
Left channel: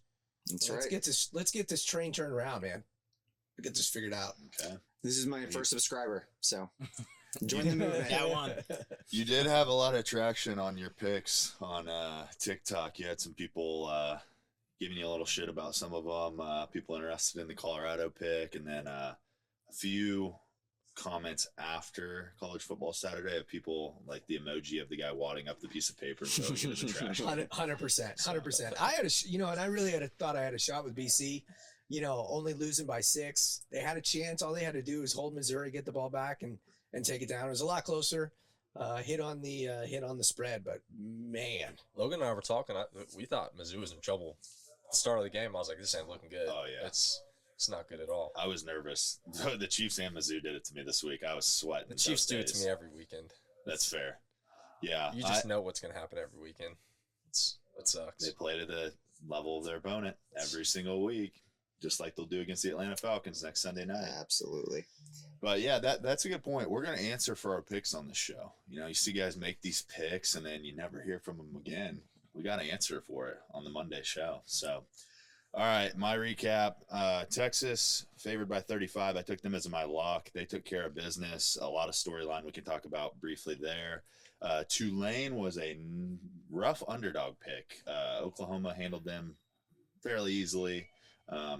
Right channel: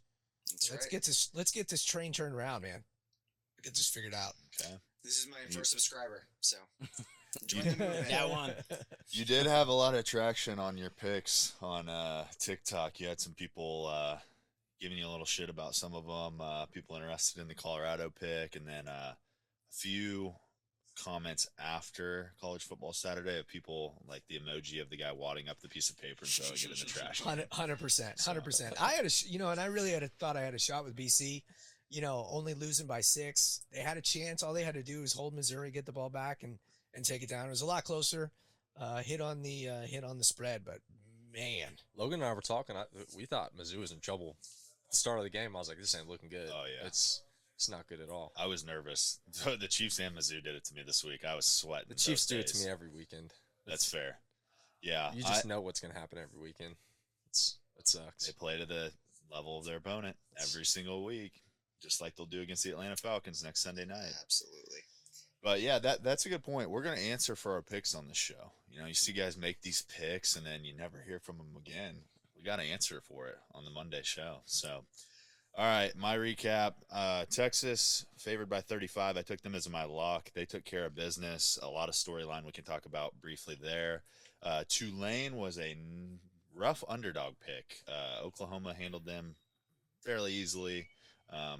Let's get this train turned around, man. Get this figured out. Okay. This is my first subscriber, so. Got one. You did have a lot of traction on your picks on TikTok. You had some people giving you a little shit about some of them, people interested in the Colorado pick, and then a few comments after College Football Saturday of people like the emoji of the guy wadding up the piece of paper and throwing it in the trash. 100%. I had and I really thought I had a shot with BC, only losing by 6. They had a chance. All they had to do was hold Missouri, get the ball back, and take it down. It was a lot closer. Hit on the spread, but man. Logan and I were talking. We thought Mizzou was in trouble. At the start of the game, I was like, this ain't looking good. Oh, yeah. It's not good at all. I was nervous. The Chiefs and Mizzou did it to me this week. I was sweating. The Chiefs do it to me every weekend. That's fair. Yeah. You just know what's going to happen every weekend. It sucks. They play to the level of their opponent every single week, just like they'll do against the Atlanta Falcons next Sunday night. Absolutely. But, yeah, that's a good point. We're going to answer for our picks on this show. You see guys make these picks, and then you never hear from them again. We got to answer for it on the Monday show. So, All right, my recap. Texas favored by 35. I took them as my lock. They took care of business. A lot of storyline we can talk about briefly there. Tulane was a rough underdog pick. Oklahoma handled them fairly easily.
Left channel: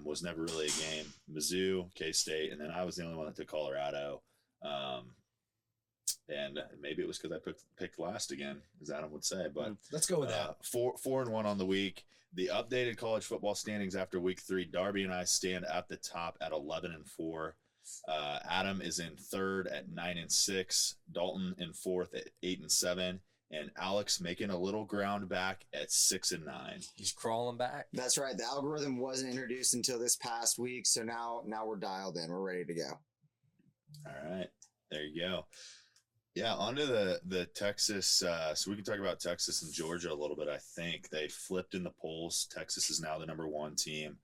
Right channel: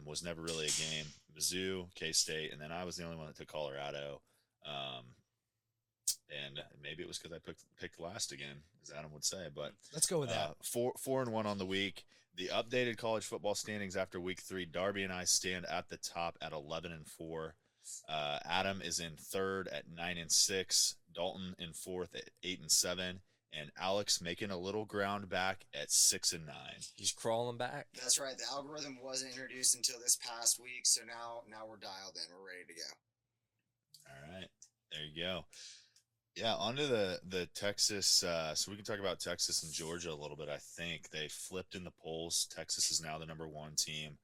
Was never really a game. Mizzou, K-State, and then I was the only one that took Colorado. And maybe it was because I picked last again, as Adam would say. But let's go with that. 4-1 on the week. The updated college football standings after week 3. Darby and I stand at the top at 11-4. Adam is in third at 9-6. Dalton in fourth at 8-7. And Alex making a little ground back at 6-9. He's crawling back. That's right. The algorithm wasn't introduced until this past week, so now we're dialed in. We're ready to go. All right, there you go. Yeah, on to the Texas. So we can talk about Texas and Georgia a little bit. I think they flipped in the polls. Texas is now the number 1 team.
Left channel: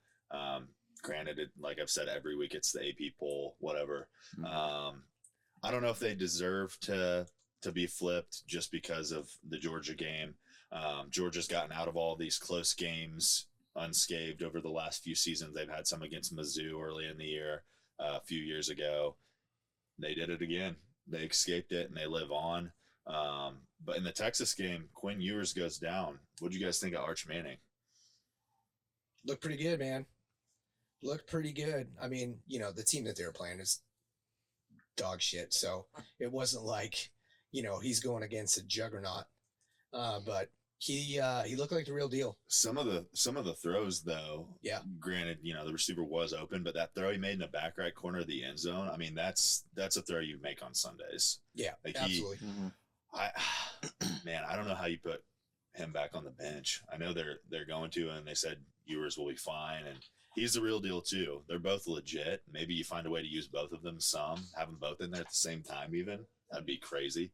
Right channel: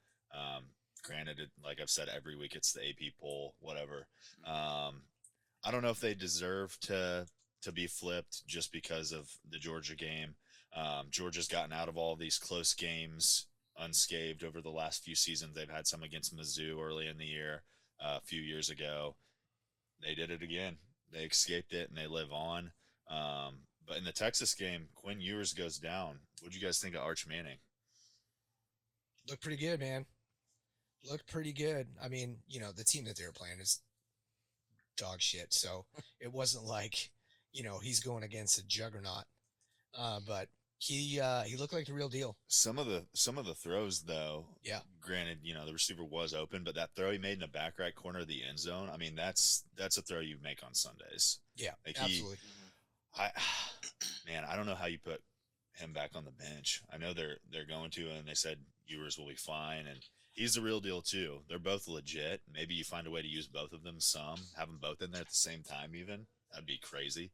Granted, like I've said every week, it's the AP poll, whatever. I don't know if they deserve to be flipped just because of the Georgia game. Georgia's gotten out of all these close games unscathed over the last few seasons. They've had some against Mizzou early in the year, a few years ago. They did it again. They escaped it, and they live on. But in the Texas game, Quinn Ewers goes down. What do you guys think of Arch Manning? Looked pretty good, man. Looked pretty good. I mean, the team that they were playing is dog shit, so it wasn't like, he's going against a juggernaut. But he looked like the real deal. Some of the throws, though, yeah. Granted, the receiver was open, but that throw he made in the back right corner of the end zone, I mean, that's a throw you make on Sundays. Yeah, like absolutely. I don't know how you put him back on the bench. I know they're going to, and they said Ewers will be fine, and he's the real deal too. They're both legit. Maybe you find a way to use both of them. Have them both in there at the same time. Even that'd be crazy.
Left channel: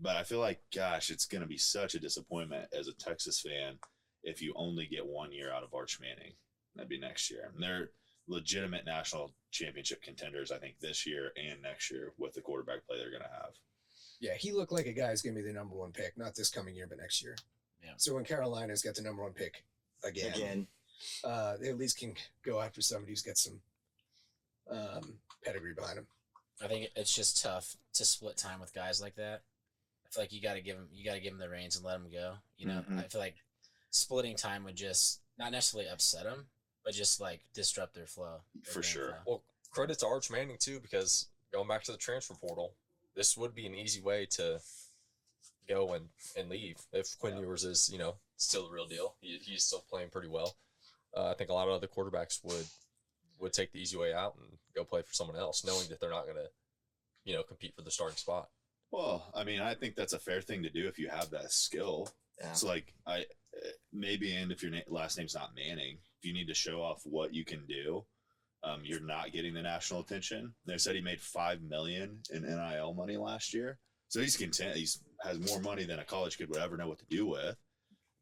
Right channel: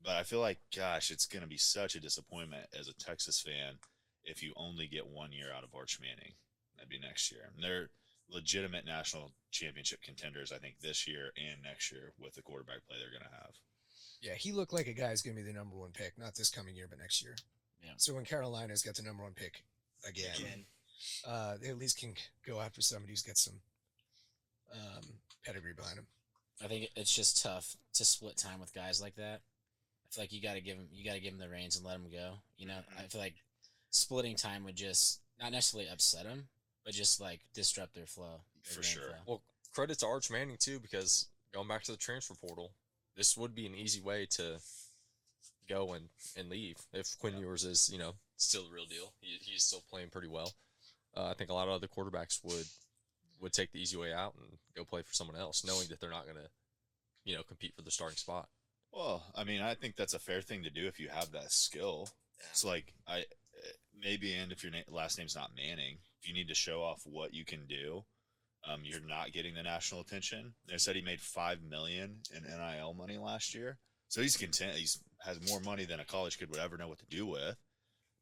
But I feel like, gosh, it's going to be such a disappointment as a Texas fan if you only get 1 year out of Arch Manning. That'd be next year. And they're legitimate national championship contenders, I think, this year and next year with the quarterback play they're going to have. Yeah, he looked like a guy who's going to be the number 1 pick, not this coming year, but next year. Yeah. So when Carolina's got the number 1 pick again. They at least can go after somebody who's got some pedigree behind him. I think it's just tough to split time with guys like that. I feel like you got to give them the reins and let them go. I feel like splitting time would just not necessarily upset them, but just like disrupt their flow. For sure. Flow. Well, credit to Arch Manning too, because going back to the transfer portal, this would be an easy way to go and leave if Quinn Ewers is still the real deal. He's still playing pretty well. I think a lot of other quarterbacks would take the easy way out and go play for someone else, knowing that they're not going to, compete for the starting spot. Well, I mean, I think that's a fair thing to do if you have that skill. Yeah. It's like maybe, and if your last name's not Manning, if you need to show off what you can do, you're not getting the national attention. They said he made $5 million in NIL money last year, so he's content. He's has more money than a college kid would ever know what to do with.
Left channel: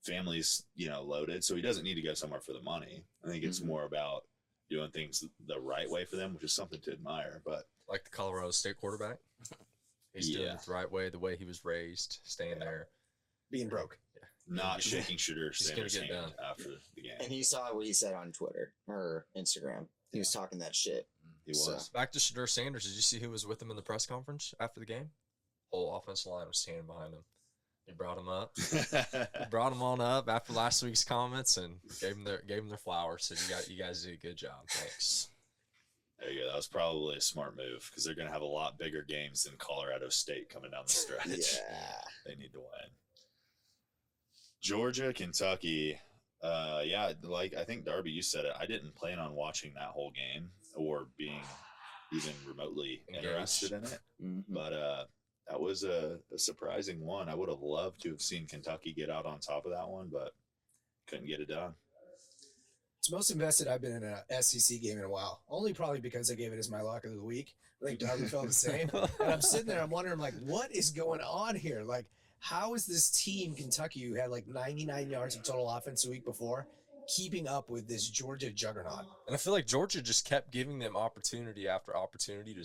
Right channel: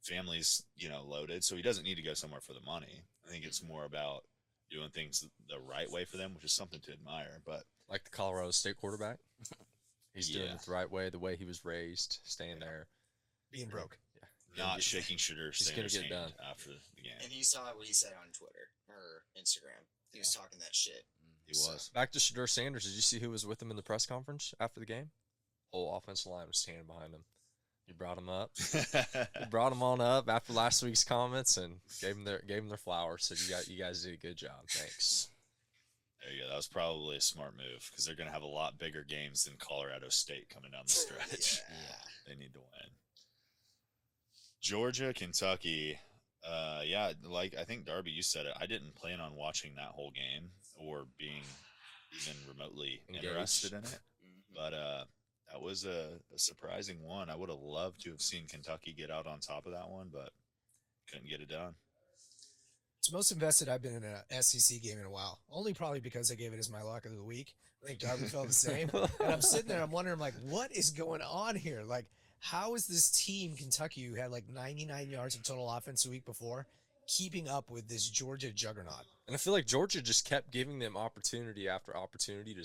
Family's loaded, so he doesn't need to go somewhere for the money. I think it's more about doing things the right way for them, which is something to admire. But like the Colorado State quarterback, he's doing it the right way, the way he was raised, staying there, being broke. Not shaking Shooter. He's going to get it done after the game. And you saw what he said on Twitter or Instagram. He was talking that shit. He was. Back to Shadur Sanders. Did you see who was with him in the press conference after the game? Whole offensive line was standing behind him. He brought him up. He brought him on up after last week's comments and gave him their flowers. Said you guys did a good job. Thanks. There you go. That was probably a smart move because they're going to have a lot bigger games than Colorado State coming down the stretch. They need to win. Georgia, Kentucky. Like I think Darby, you said it. I didn't plan on watching that whole game or being even remotely interested in it. But that was a surprising one. I would have loved to have seen Kentucky get out on top of that one, but couldn't get it done. It's the most invested I've been in a SEC game in a while. Only probably because I gave it as my lock of the week. I think Darby felt the same. And I'm sitting there, I'm wondering, like, what is going on here? Like, how is this team, Kentucky, who had like 99 yards of total offense the week before, keeping up with this Georgia juggernaut? And I feel like Georgia just kept giving them opportunity after opportunity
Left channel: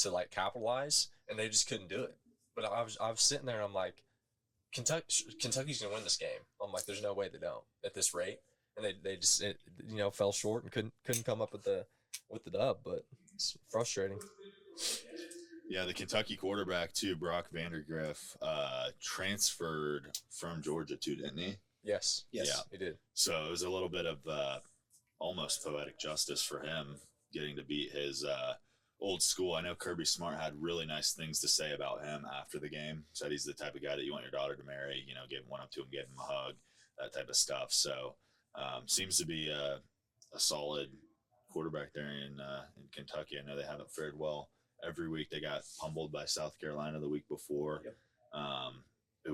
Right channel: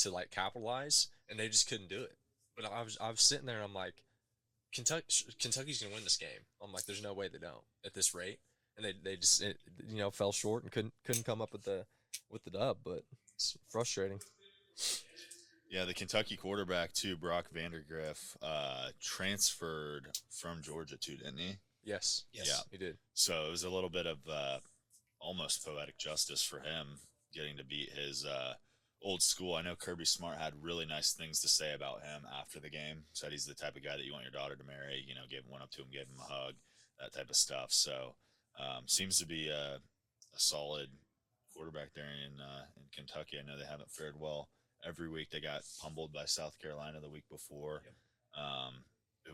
to like capitalize, and they just couldn't do it. But I was sitting there, and I'm like, Kentucky's going to win this game. I'm like, there's no way they don't at this rate. and they just fell short and couldn't come up with the dub, but it's frustrating. Yeah, the Kentucky quarterback too, Brock Vandergriff, transferred from Georgia too, didn't he? Yes. Yes. Yeah. He did. So it was a little bit of almost poetic justice for him getting to beat his old school. I know Kirby Smart had really nice things to say about him after the game. Said he's the type of guy that you want your daughter to marry. Went up to him, gave him a hug, that type of stuff. So seems to be a solid quarterback there in Kentucky. I know they haven't fared well every week. They got pummeled by South Carolina the week before. Yep.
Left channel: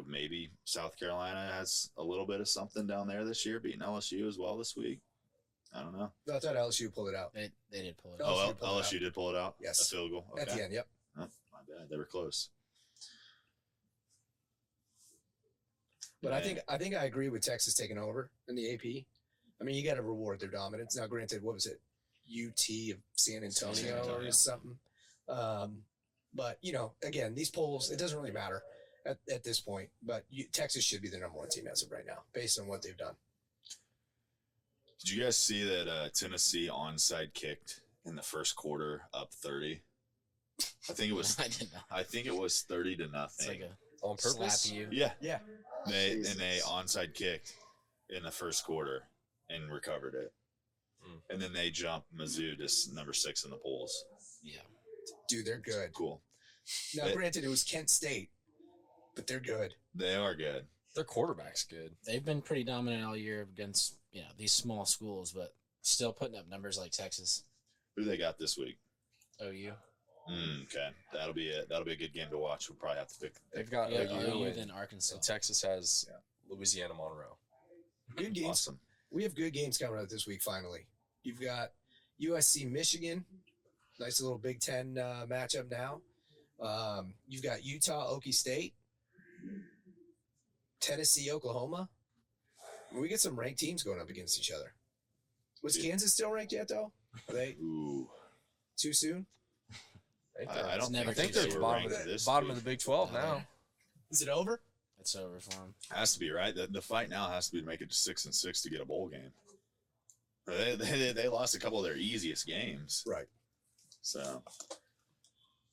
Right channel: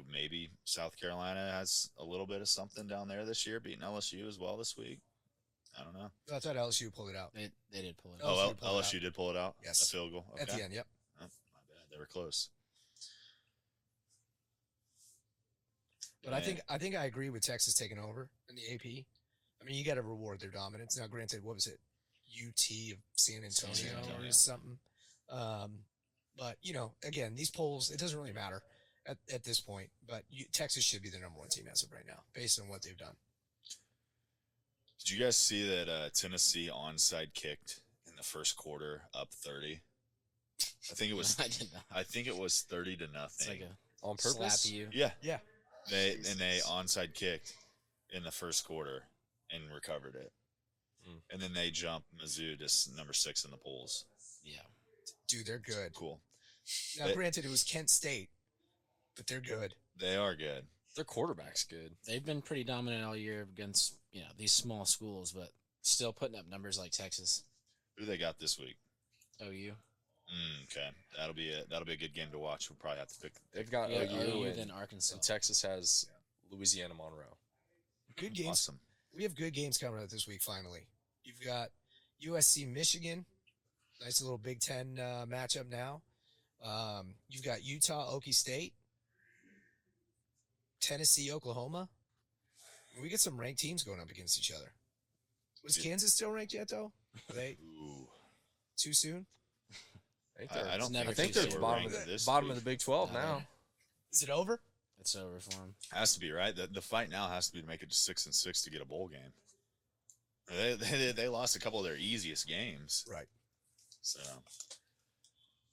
Maybe South Carolina has a little bit of something down there this year, beating LSU as well this week. I don't know. I thought LSU pulled it out. They did pull it out. Oh, pulled it LSU out. did pull it out? Yes. A field goal? Okay. At the end, yep. Oh, my bad. They were close. But I think I agree with Texas taking over in the AP. I mean, you got to reward their dominance. Now, granted, what was it? UT of San Antonio or something. But, again, these polls, it doesn't really matter at this point. But Texas should be the number 1 team as of right now, based on what they've done. Did you guys see that Tennessee onside kicked in the first quarter, up 30? I think it was. I did not. I think it was 30-0. It's like a On purpose? slap you. Yeah. Yeah. They onside kicked in the first quarter and recovered it, and then they jumped Mizzou to number 6 in the polls. Yeah. Dude, they're good. Cool. Now, granted, it was Kent State, but they're good. They are good. Their quarterback's good. They've been pretty dominant all year against these small schools, but still putting up numbers like Texas. Who they got this week? OU. Okay, that'll be a good game to watch. We'll probably have to pick. They've got Yeah, OU OU then Arkansas. and Texas has Louisiana Monroe. Good games. Awesome. We have good games coming up this week, finally. You've got USC Michigan. Nice little Big Ten matchup now. You've got Utah Okie State. Tennessee Oklahoma. We get some ranked teams going up against each other. Was Kansas still ranked yet, though? Are they Ooh. too soon? I don't never think too they're soon. bottom of the Bottom of the Big 12 No, now. Is it over? It's over for them. Has to be, right? The fight now has to be to make it to 6-6 to get a bowl game. They lost a couple of their easiest games. Right. So,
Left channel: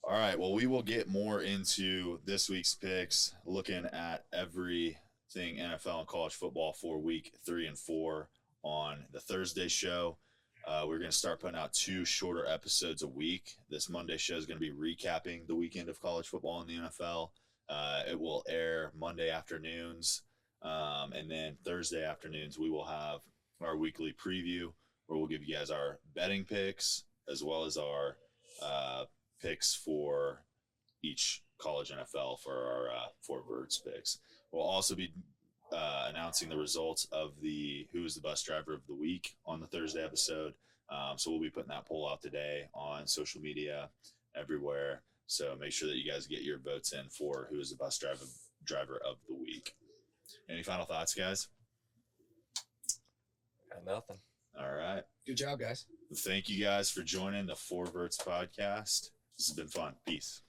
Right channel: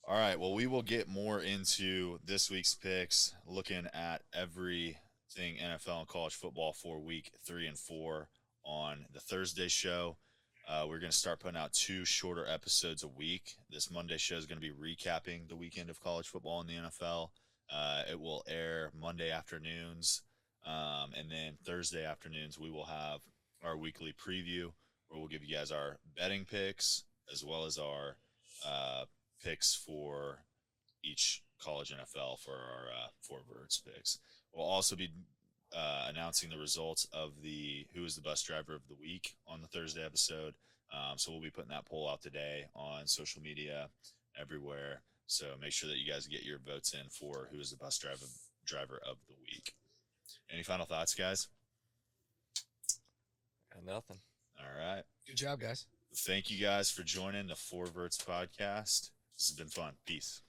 all right. Well, we will get more into this week's picks, looking at everything NFL and college football for week 3 and 4 on the Thursday show. We're going to start putting out 2 shorter episodes a week. This Monday show is going to be recapping the weekend of college football in the NFL. It will air Monday afternoons, and then Thursday afternoons we will have our weekly preview where we'll give you guys our betting picks as well as our picks for each college NFL for our Four Vertz picks. We'll also be announcing the results of the Who is the Bus Driver of the Week on the Thursday episode. So we'll be putting that poll out today on social media everywhere. So make sure that you guys get your votes in for Who is the Bus Driver of the Week. Any final thoughts, guys? Got nothing. All right. Good job, guys. Thank you guys for joining the Four Vertz Podcast. This has been fun. Peace.